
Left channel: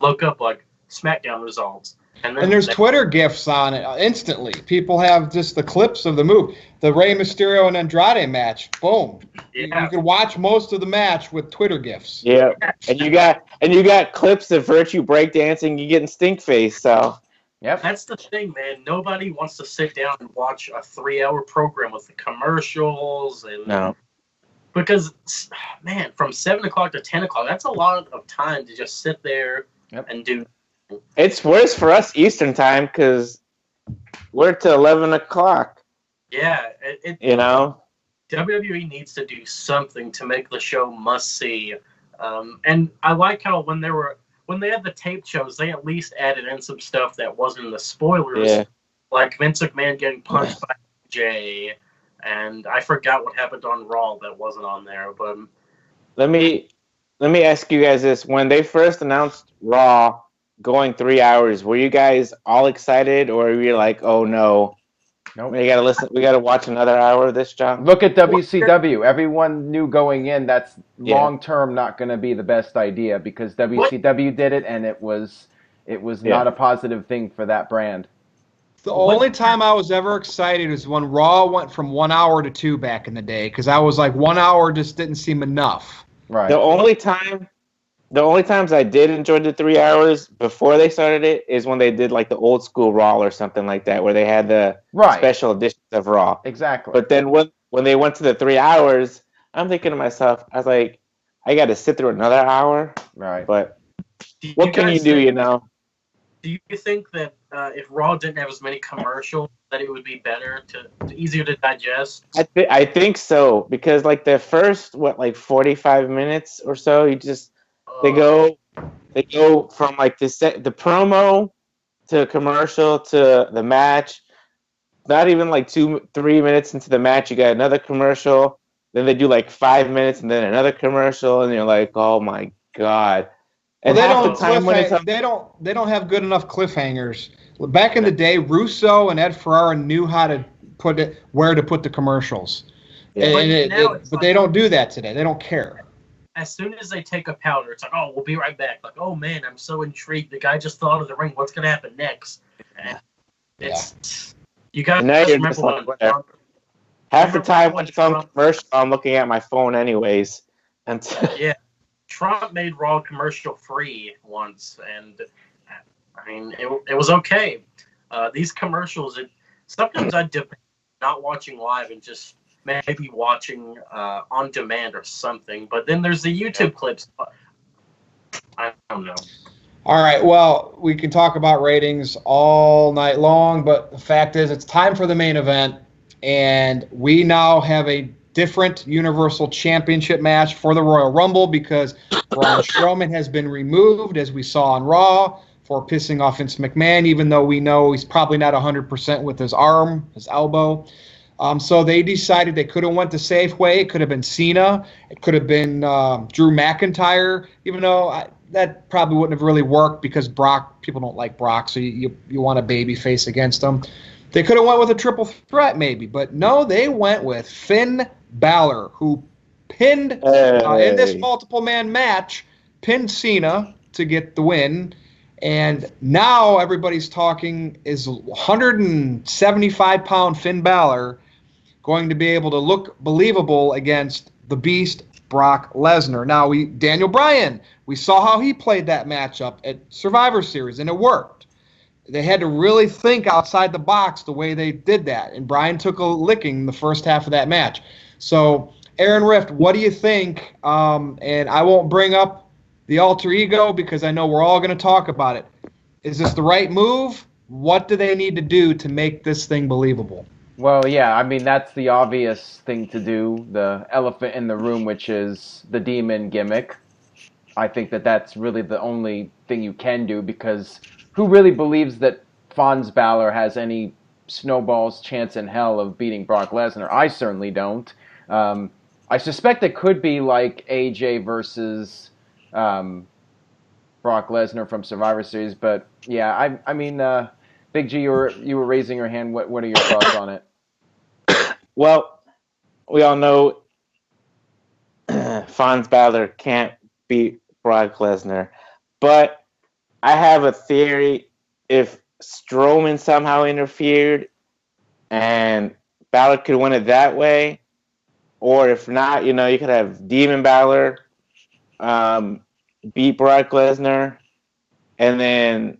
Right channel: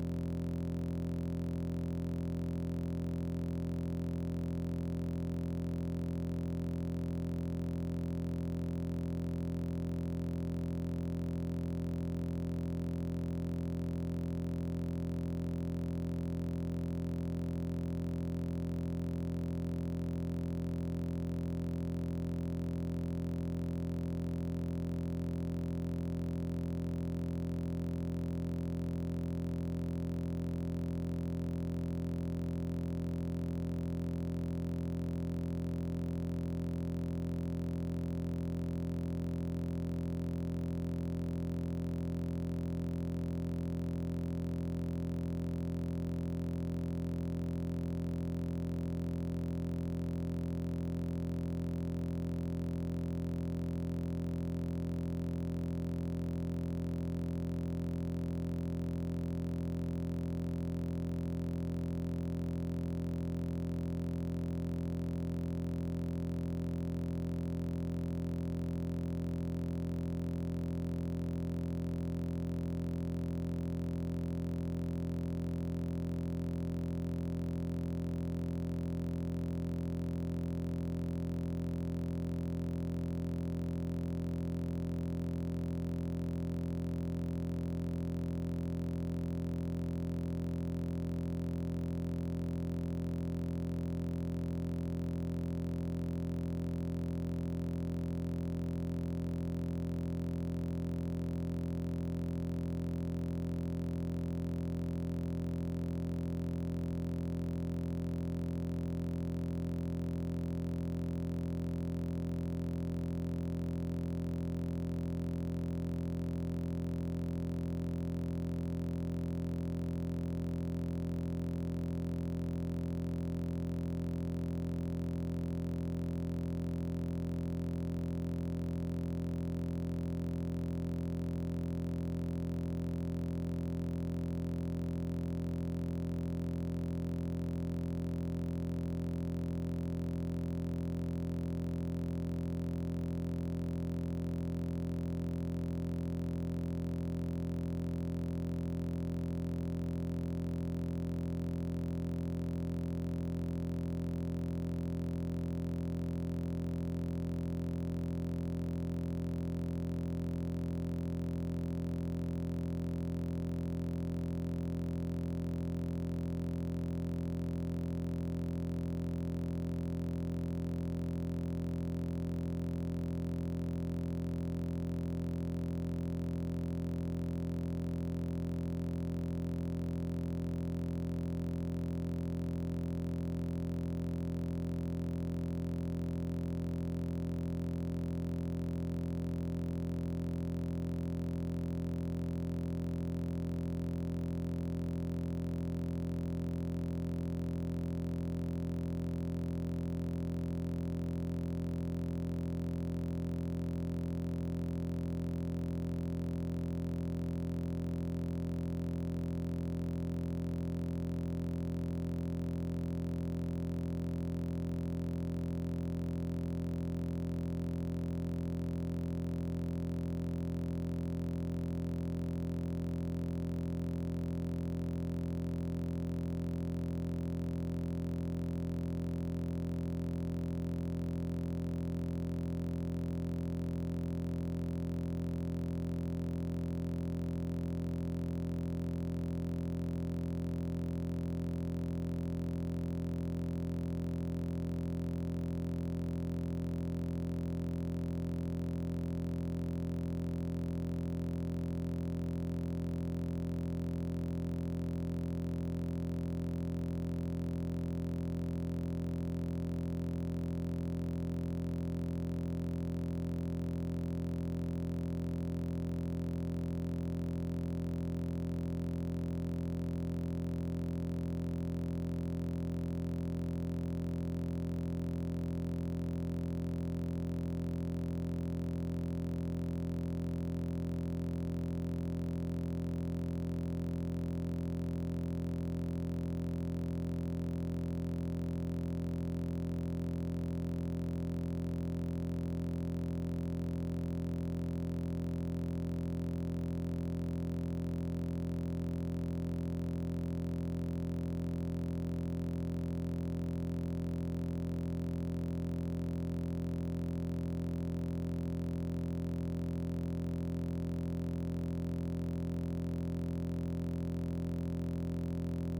Look up like SmackDown results, and there's Twitter gifs on it instantly. People have just the clips of the move, the Rey Mysterio and Andrade match. Boom. Yeah. You can watch most of the match with Twitter gifs. Yeah. And you got clips of Virtue breakdancing. You getting stink face. So. Yep. That's the thing, man. Nobody wants to sit down and watch a 3-hour program with the commercials and No. because, man, from 7 o'clock to 10 o'clock, that's a lot of time to just sit there and do. It's worse for us Eastern time because we're to 11 o'clock. Yeah, You know. WWE needs to do something to make the show must see. And I like how when they had the taped shows, they at least added in some stuff that wasn't in the spoilers, Yeah. like Vince McMahon getting punched by Jay, and I forgot what happened on Raw that wasn't on there. But Let me ask you guys this: when they first announced Raw going 3 hours, were you guys all excited, or were you like, "Oh no, Nope. we gotta watch another hour of this, John"? Look at WCW. Everyone knew going in that's Yeah. long term not going to be the best idea because WCW did it and it was not a positive thing for that brand. The only time I was ever excited was when Raw went from 1 hour to 2 back in the day, because I was like 1 hour just didn't seem enough. Right. The only times I did enjoy the 3 hours before they started it is when they did like the old school Raw or something like that, where they had the special editions of Raw. Exactly. But then when they went to the 3 hours, I'm thinking to myself, I was like, I got to sit through another hour. Right. But what can you do, you know? Do you think that if Raw didn't have as many commercials, that it would be better easier to digest? I think so, because like the first 45 minutes or so, they go from like the promo to commercial to the match. Not even like 2-3 minutes into the match, you got another commercial. Then they do like 5 minutes and then another commercial, and you're like, oh my god. And they don't have good enough cliffhangers. Back in the day, Russo and Ed Ferrara knew how to where to put the commercials. Yeah. But they don't do that today. They don't care. As soon as they take a powder, it's like, oh, we'll be right back. Like, oh man, I'm so intrigued. The guy just thought of the ring. What's gonna happen next? And you gotta remember when half the time when it's on commercial, I'm looking at my phone anyways. And yeah, Trump made Raw commercial free once, and I mean it was okay. These commercials, sometimes I dip not watching live and just maybe watching on demand or something. But then there's the YouTube clips. I don't know. All right, well, we can talk about ratings all night long, but the fact is it's time for the main event, and we now have a different Universal Championship match for the Royal Rumble because Braun Strowman has been removed, as we saw on Raw, for pissing off Vince McMahon, even though we know he's probably not 100% with his arm, his elbow. So they decided they could have went the safe way. It could have been Cena. It could have been Drew McIntyre, even though that probably wouldn't have really worked because people don't like Brock, so you want a baby face against him. They could have went with a triple threat maybe, but no, they went with Finn Balor, who pinned in this Hey. multiple man match, pinned Cena to get the win. And now everybody's talking, is 175-pound Finn Balor going to be able to look believable against the Beast Brock Lesnar? Now, Daniel Bryan, we saw how he played that matchup at Survivor Series, and it worked. They had to really think outside the box the way they did that, and Bryan took a licking in the first half of that match. So, Aaron Rift, what do you think? And I won't bring up the alter ego because I know we're all going to talk about it. Is this the right move? What do they need to do to make this thing believable? Well, yeah, I mean, that's the obvious thing to do, the elephant in the room, which is the demon gimmick. I think that that's really the only thing you can do, because who really believes that Fons Balor has any snowball's chance in hell of beating Brock Lesnar? I certainly don't. I suspect it could be like AJ versus Brock Lesnar from Survivor Series, but yeah, I mean, Big G, you were raising your hand. What are your thoughts on it? Well, we all know Fons Balor can't beat Brock Lesnar, but I have a theory. If Strowman somehow interfered and Balor could win it that way, or if not, you could have Demon Balor beat Brock Lesnar, and then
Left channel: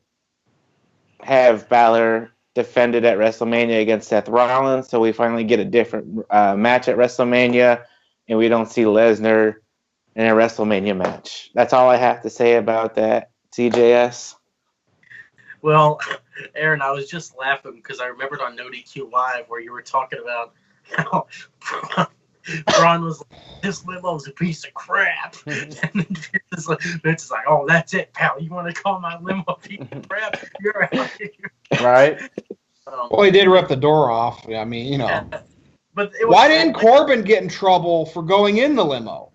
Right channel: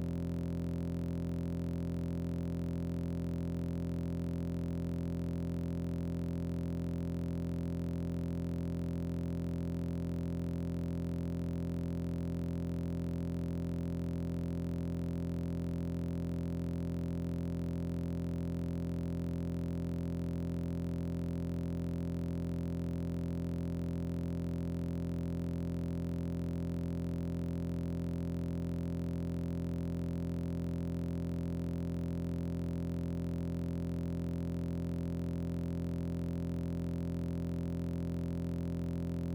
have Balor defended at WrestleMania against Seth Rollins, so we finally get a different match at WrestleMania, and we don't see Lesnar in a WrestleMania match. That's all I have to say about that, CJS. Well, Aaron, I was just laughing because I remembered on NoDQ Live where you were talking about how Braun was like, this limo's a piece of crap. And then it's like, oh, that's it, pal. You want to call my limo a piece of crap? You're out here. Right? Well, he did rip the door off. I mean, Yeah. But it was Why didn't Corbin get in trouble for going in the limo?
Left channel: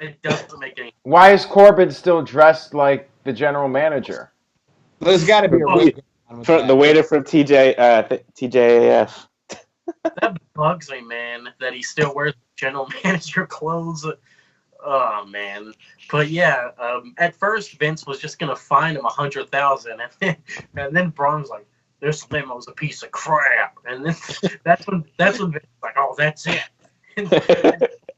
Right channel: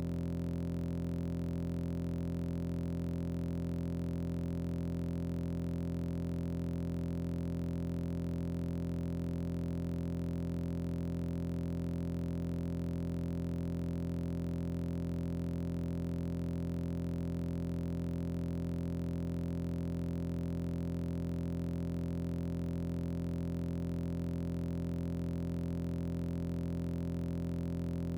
It doesn't make any. Why is Corbin still dressed like the general manager? There's got to be a reason. The waiter from TJAF. That bugs me, man, that he still wears general manager clothes. Oh, man. But yeah, at first Vince was just gonna fine him $100,000, and then Braun's like, "This limo's a piece of crap," and then that's when Vince was like, "Oh, that's it." And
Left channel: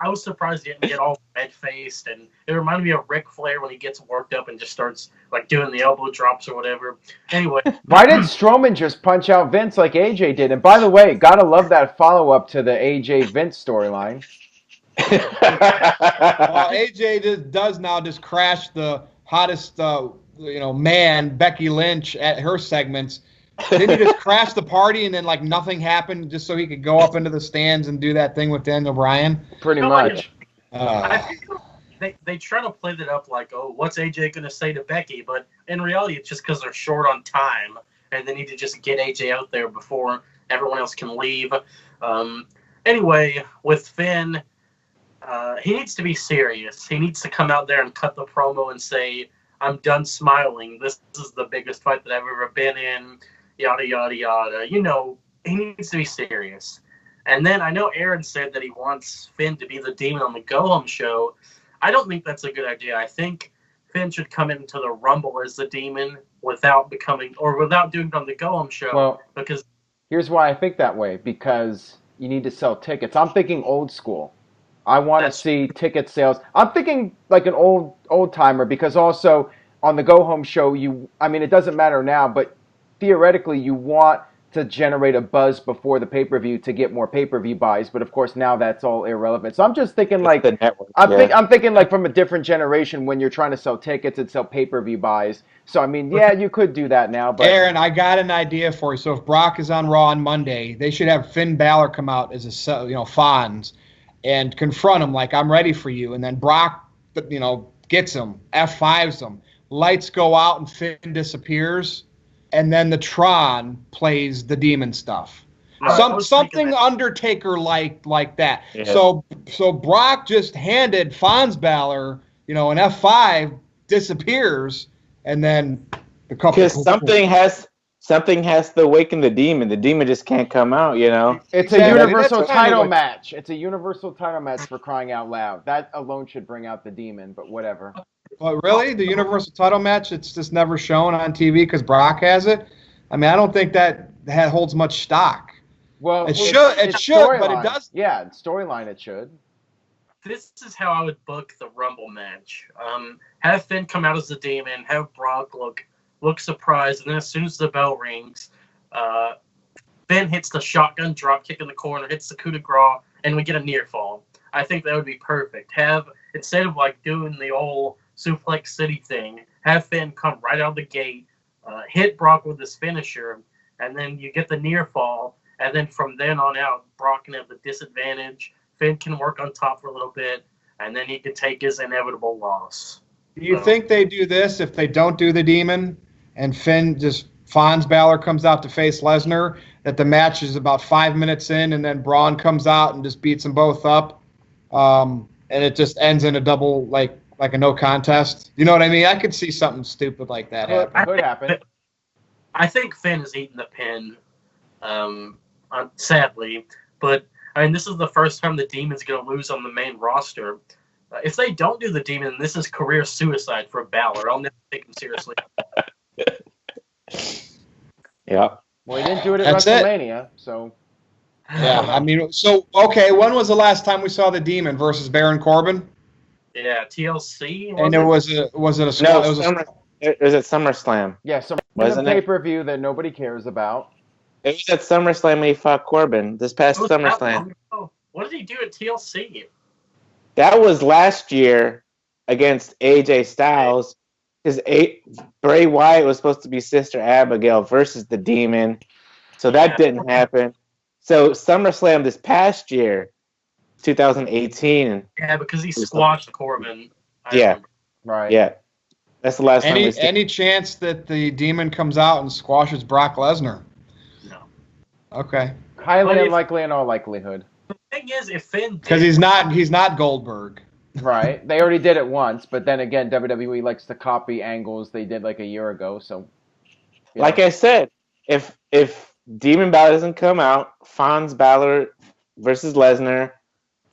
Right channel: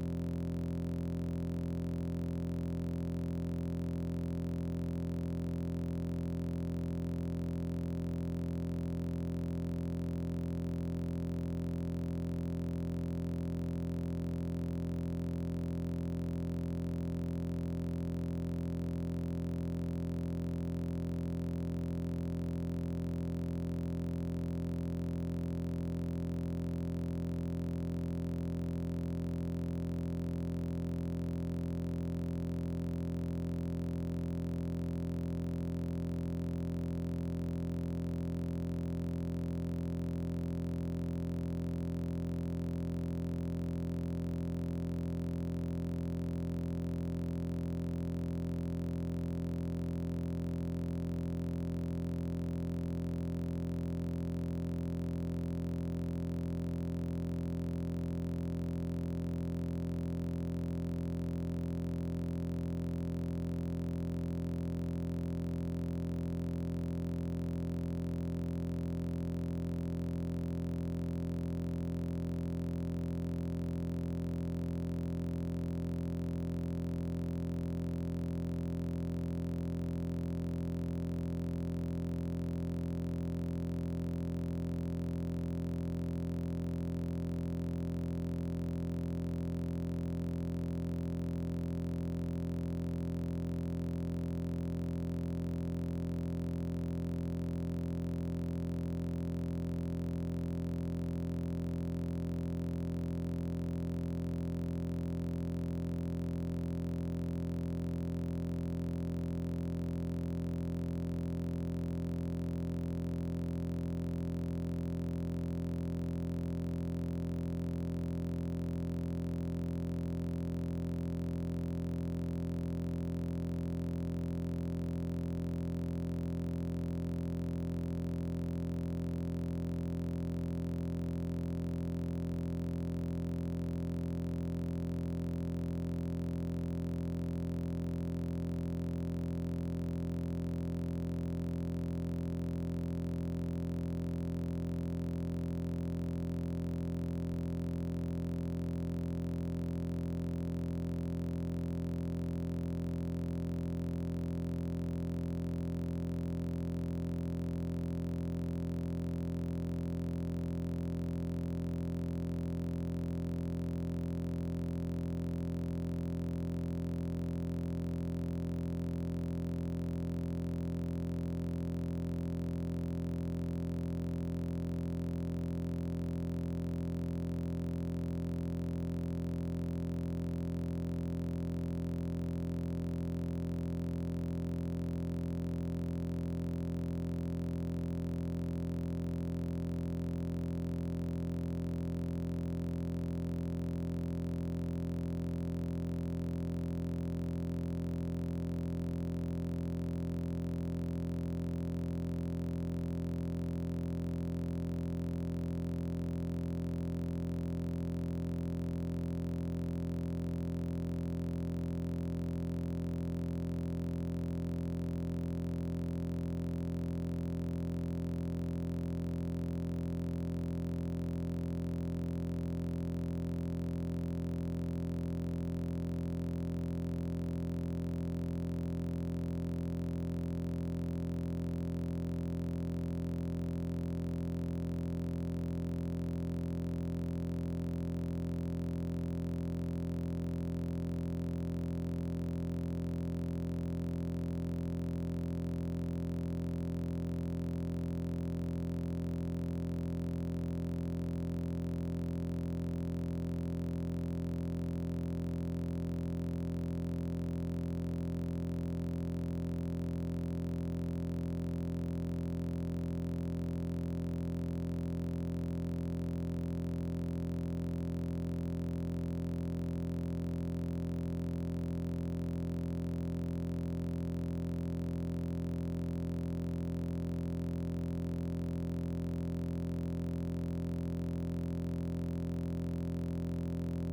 I was surprised he didn't get all red faced, and it reminded me of Ric Flair when he gets worked up and just starts like doing the elbow drops or whatever. Anyway, Why did Strowman just punch out Vince like AJ did? And by the way, gotta love that follow up to the AJ Vince storyline. Well, AJ does now just crash the hottest, man, Becky Lynch at her segments. Didn't he just crash the party and then like nothing happened just so he could go up into the stands and do that thing with Daniel Bryan? Pretty much. I think they try to play that up like, oh, what's AJ gonna say to Becky? But in reality, it's just because they're short on time and they need to just get AJ out there before everyone else can leave. Anyway, with Finn, he needs to be serious. He needs to come out there and cut the promo and say, "I'm done smiling. This is the biggest fight that I've ever been in." Yada yada yada. He needs to be serious. And then I know Aaron said that he wants Finn to be the demon on the Go Home show. I don't think that's a good idea. I think Finn should come into the Rumble as the demon without doing it on the Go Home show. Well, because here's why I think that way, because you need to sell tickets. I'm thinking old school. I want to see ticket sales. I'm thinking like an old timer, because also on the Go Home show, it doesn't matter now, but theoretically you want to generate a buzz before the pay-per-view to get more pay-per-view buys, but of course now that's all irrelevant. So I'm just thinking like the network. I'm thinking like from a different generation when you're trying to sell tickets and sell pay-per-view buys. So I mean, yeah, you could do that now, but Aaron, I got an idea for you. So if Brock is on Raw on Monday, they should have Finn Balor come out as Fonz and confront him like, "I'm ready for you," and then Brock, gets him, F5s him, lights go out and Finn disappears. And then the Tron plays the demon stuff. Something Undertaker like that. Yeah. So Brock just handed Fons Balor, an F5, disappears, and then because something has something has to awaken the demon. The demon just can't come out, you know. It's Exactly. a That's universal kinda title what- match. It's a universal title match for crying out loud. That alone should bring out the demon, but whatever. But really, the Universal title match, it's just never shown on TV because Brock has it. I mean, I don't think that holds much stock. Well, It should, but it storyline. doesn't. Yeah, storyline it should. This is how I would book the Rumble match. Have Finn come out as the demon, have Brock look surprised, and then as soon as the bell rings, Finn hits the shotgun drop kick in the corner, hits the coup de grace, and we get a near fall. I think that would be perfect. Instead of like doing the old Suplex City thing, have Finn come right out of the gate, hit Brock with his finisher, and then you get the near fall, and then from then on out, Brock can have the disadvantage. Finn can work on top for a little bit, and then he can take his inevitable loss. Do you think they do this if they don't do the demon and Fonz Balor comes out to face Lesnar, that the match is about 5 minutes in and then Braun comes out and just beats them both up, and it just ends in a double, like a no contest? You know what I mean? I could see something stupid like that happen. Could happen. I think Finn is eating the pin, sadly, but I mean, this is the first time the Demon's going to lose on the main roster. If they don't do the Demon, this is career suicide for Balor. I'll never take him seriously. Yeah. Well, he didn't do it at That's it. WrestleMania, so. Yeah, I mean, so, okay, when was the last time we saw the Demon versus Baron Corbin? Yeah, TLC. And it was it a squad? No, it was at SummerSlam. Yeah, so Wasn't a it? pay-per-view that nobody cares about. It was at SummerSlam when he fought Corbin this past SummerSlam. What did he do at TLC? That was last year against AJ Styles, because Bray Wyatt was supposed to be Sister Abigail versus the Demon, so that didn't happen. So SummerSlam this past year, 2018. Yeah, because he squashed Corbin. Yeah. Right. Yeah, that's the last time we see. Any chance that the Demon comes out and squashes Brock Lesnar? No. Okay. Highly unlikely in all likelihood. The thing is, if Finn Because he's not Goldberg. Right. They already did it once, but then again, WWE likes to copy angles they did like a year ago, so. Yeah. Like I said, if Demon Balor doesn't come out, Fonz Balor versus Lesnar,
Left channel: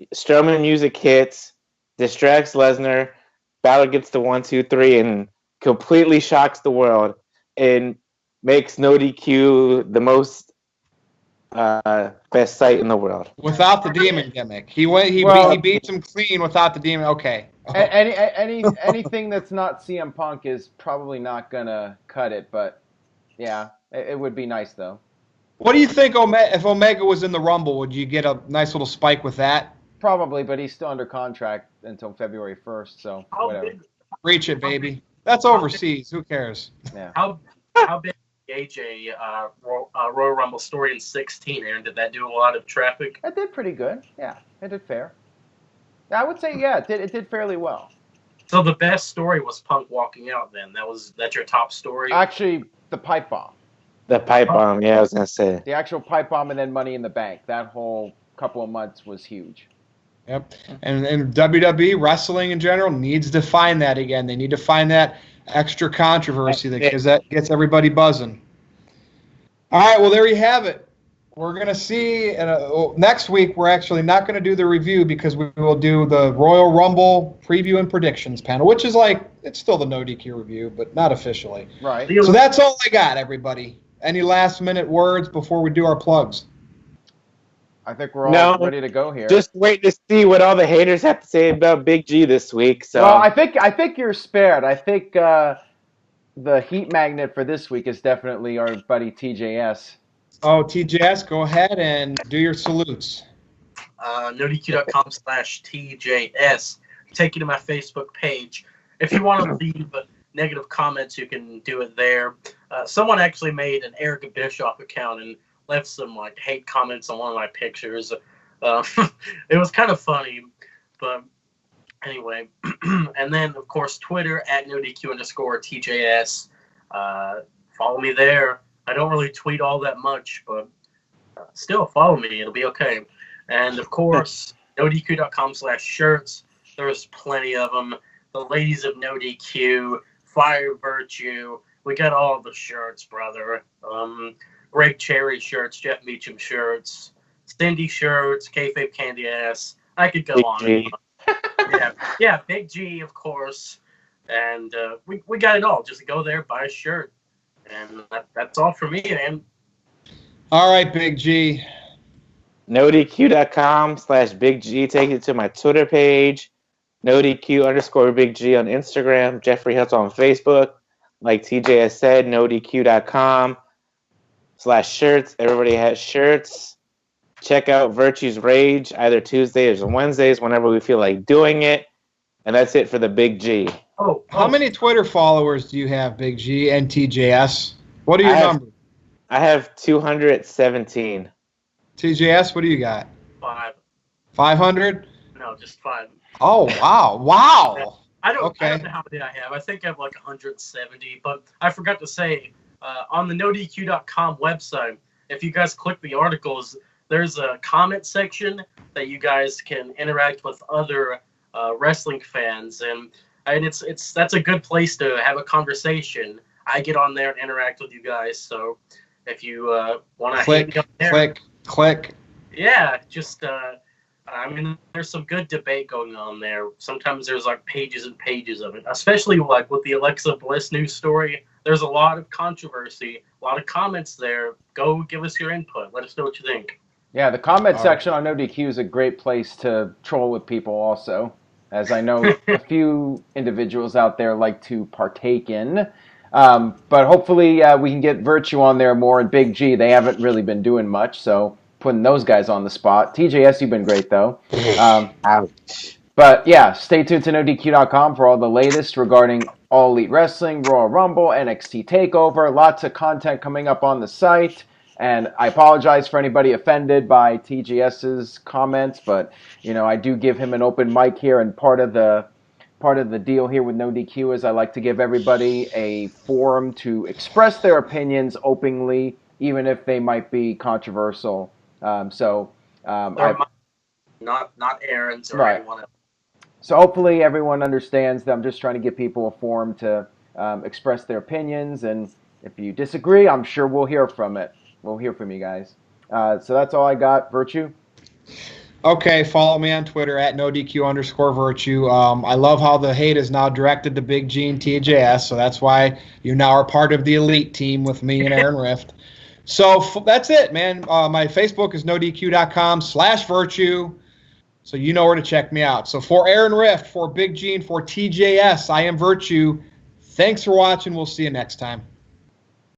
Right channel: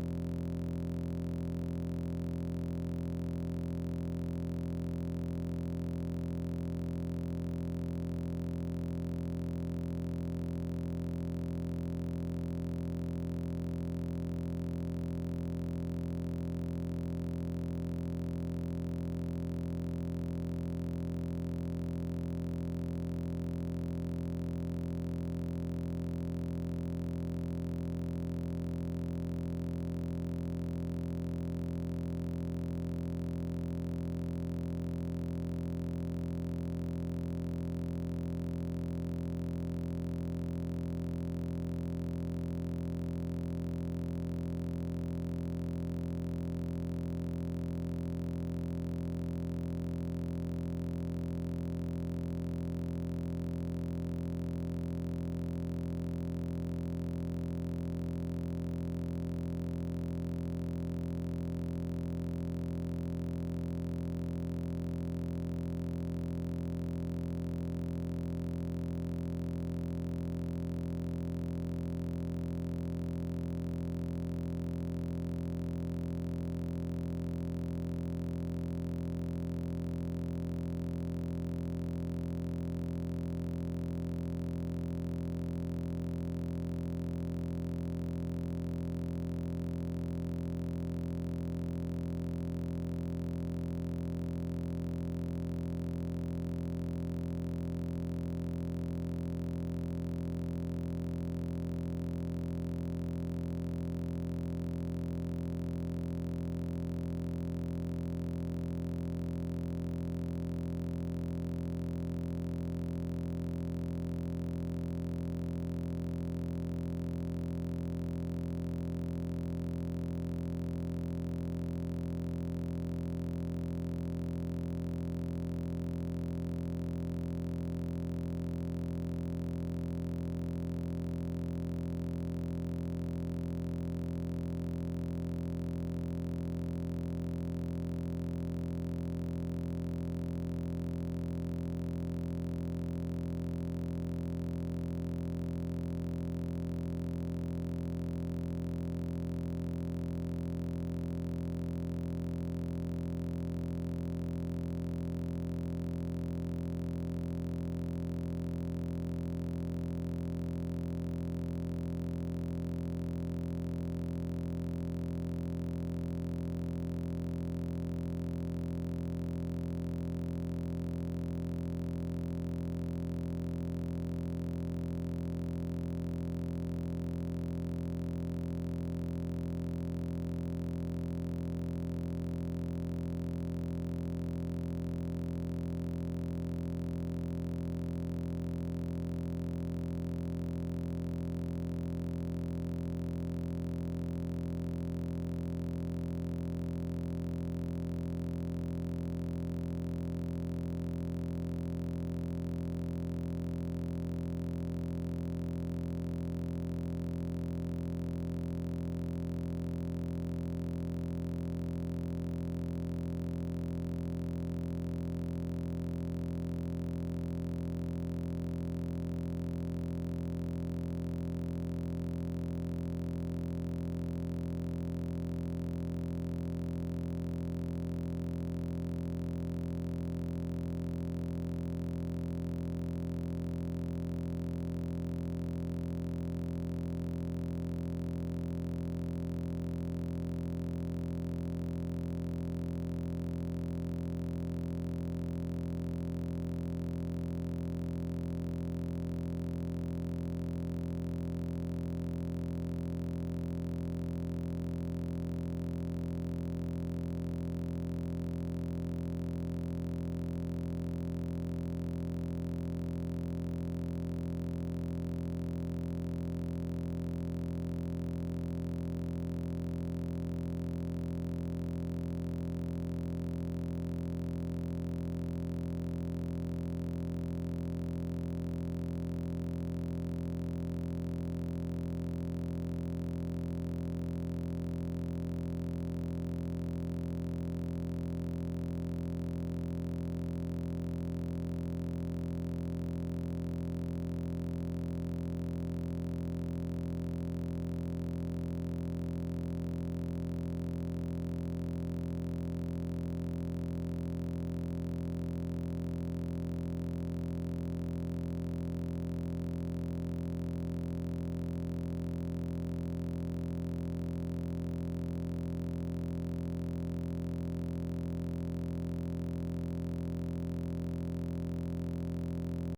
Strowman music hits, distracts Lesnar, Balor gets the 1, 2, 3, and completely shocks the world, and makes NoDQ the most best site in the world. Without the Demon gimmick. He beats him clean without the Demon. Okay. Anything that's not CM Punk is probably not gonna cut it, but yeah, it would be nice though. What do you think, if Omega was in the Rumble, would you get a nice little spike with that? Probably, but he's still under contract until February 1st, so whatever. Reach it, baby. That's overseas. Who cares? Yeah. How big AJ Royal Rumble story in 16, Aaron? Did that do a lot of traffic? It did pretty good. Yeah, it did fair. I would say yeah, it did fairly well. So the best story was Punk walking out. Then that's your top story. Actually, the pipe bomb. The pipe bomb, yeah, I was gonna say. The actual pipe bomb and then Money in the Bank. That whole couple of months was huge. Yep. And WWE, wrestling in general, needs to find that again. They need to find that extra controversy because that gets everybody buzzing. All right, well, there you have it. We're going to see next week. We're actually not going to do the review because we will do the Royal Rumble preview and predictions panel, which is it's still the NoDQ review, but not officially. Right. So that's all I got, everybody. Any last minute words before we do our plugs? I think we're all ready to go here. Just wait to see what all the haters have to say about Big G this week. So. Well, I think you're spared. I think the heat magnet for this week is definitely our buddy TJS. Oh, TJS, go ahead and do your salutes. NoDQ.com/TJS. Take you to my Facebook page. If you want to leave negative comments, you can do it there. Someone actually made an Eric Bischoff account and left some hate comments on one of my pictures. It was kind of funny, but anyway. And then of course Twitter @NoDQ_TJS. Follow me there. I don't really tweet all that much, but still follow me. It'll be okay. And of course, NoDQ.com/shirts. There's plenty of them. The ladies of NoDQ Fire Virtue. We got all the shirts, brother. Great Cherry shirts, Jeff Meacham shirts, Cindy shirts, Kayfabe Candy Ass. I could go Big on. G. Yeah, Big G, of course. And we got it all. Just go there, buy a shirt. And that's all for me, man. All right, Big G. NoDQ.com/Big G takes you to my Twitter page. NoDQ_Big G on Instagram. Jeffrey Hutz on Facebook. Like TJ has said, NoDQ.com/shirts. Everybody has shirts. Check out Virtue's Rage either Tuesdays or Wednesdays whenever we feel like doing it. And that's it for the Big G. How many Twitter followers do you have, Big G and TJS? What are your numbers? I have 217. TJS, what do you got? 5. 500? No, just 5. Oh, wow. Wow. I don't Okay. know how many I have. I think I have like 170. But I forgot to say, on the NoDQ.com website, if you guys click the articles, there's a comment section that you guys can interact with other wrestling fans, and that's a good place to have a conversation. I get on there and interact with you guys, so if you want to hit me up there, click. yeah, just I mean, there's some good debate going on there. Sometimes there's like pages and pages of it, especially like with the Alexa Bliss news story. There's a lot of controversy, a lot of comments there. Go give us your input. Let us know what you think. Yeah, the comment section on NoDQ is a great place to troll with people also, as I know a few individuals out there like to partake in. But hopefully we can get Virtue on there more, and Big G. They haven't really been doing much, so putting those guys on the spot. TJS, you've been great, though. Ouch. But yeah, stay tuned to NoDQ.com for all the latest regarding All Elite Wrestling, Royal Rumble, NXT TakeOver. Lots of content coming up on the site. And I apologize for anybody offended by TGS's comments, but you know, I do give him an open mic here, and part of the deal here with NoDQ is I like to give everybody a forum to express their opinions openly, even if they might be controversial. Not Aaron's or right. anyone else. So hopefully everyone understands that I'm just trying to give people a forum to express their opinions, and if you disagree, I'm sure we'll hear from it. We'll hear from you guys. So that's all I got. Virtue? Okay, follow me on Twitter at NoDQ_Virtue. I love how the hate is now directed to Big G and TJS, so that's why you now are part of the elite team with me and Aaron Rift. So that's it, man. My Facebook is NoDQ.com/Virtue, so you know where to check me out. So for Aaron Rift, for Big G, and for TJS, I am Virtue. Thanks for watching. We'll see you next time.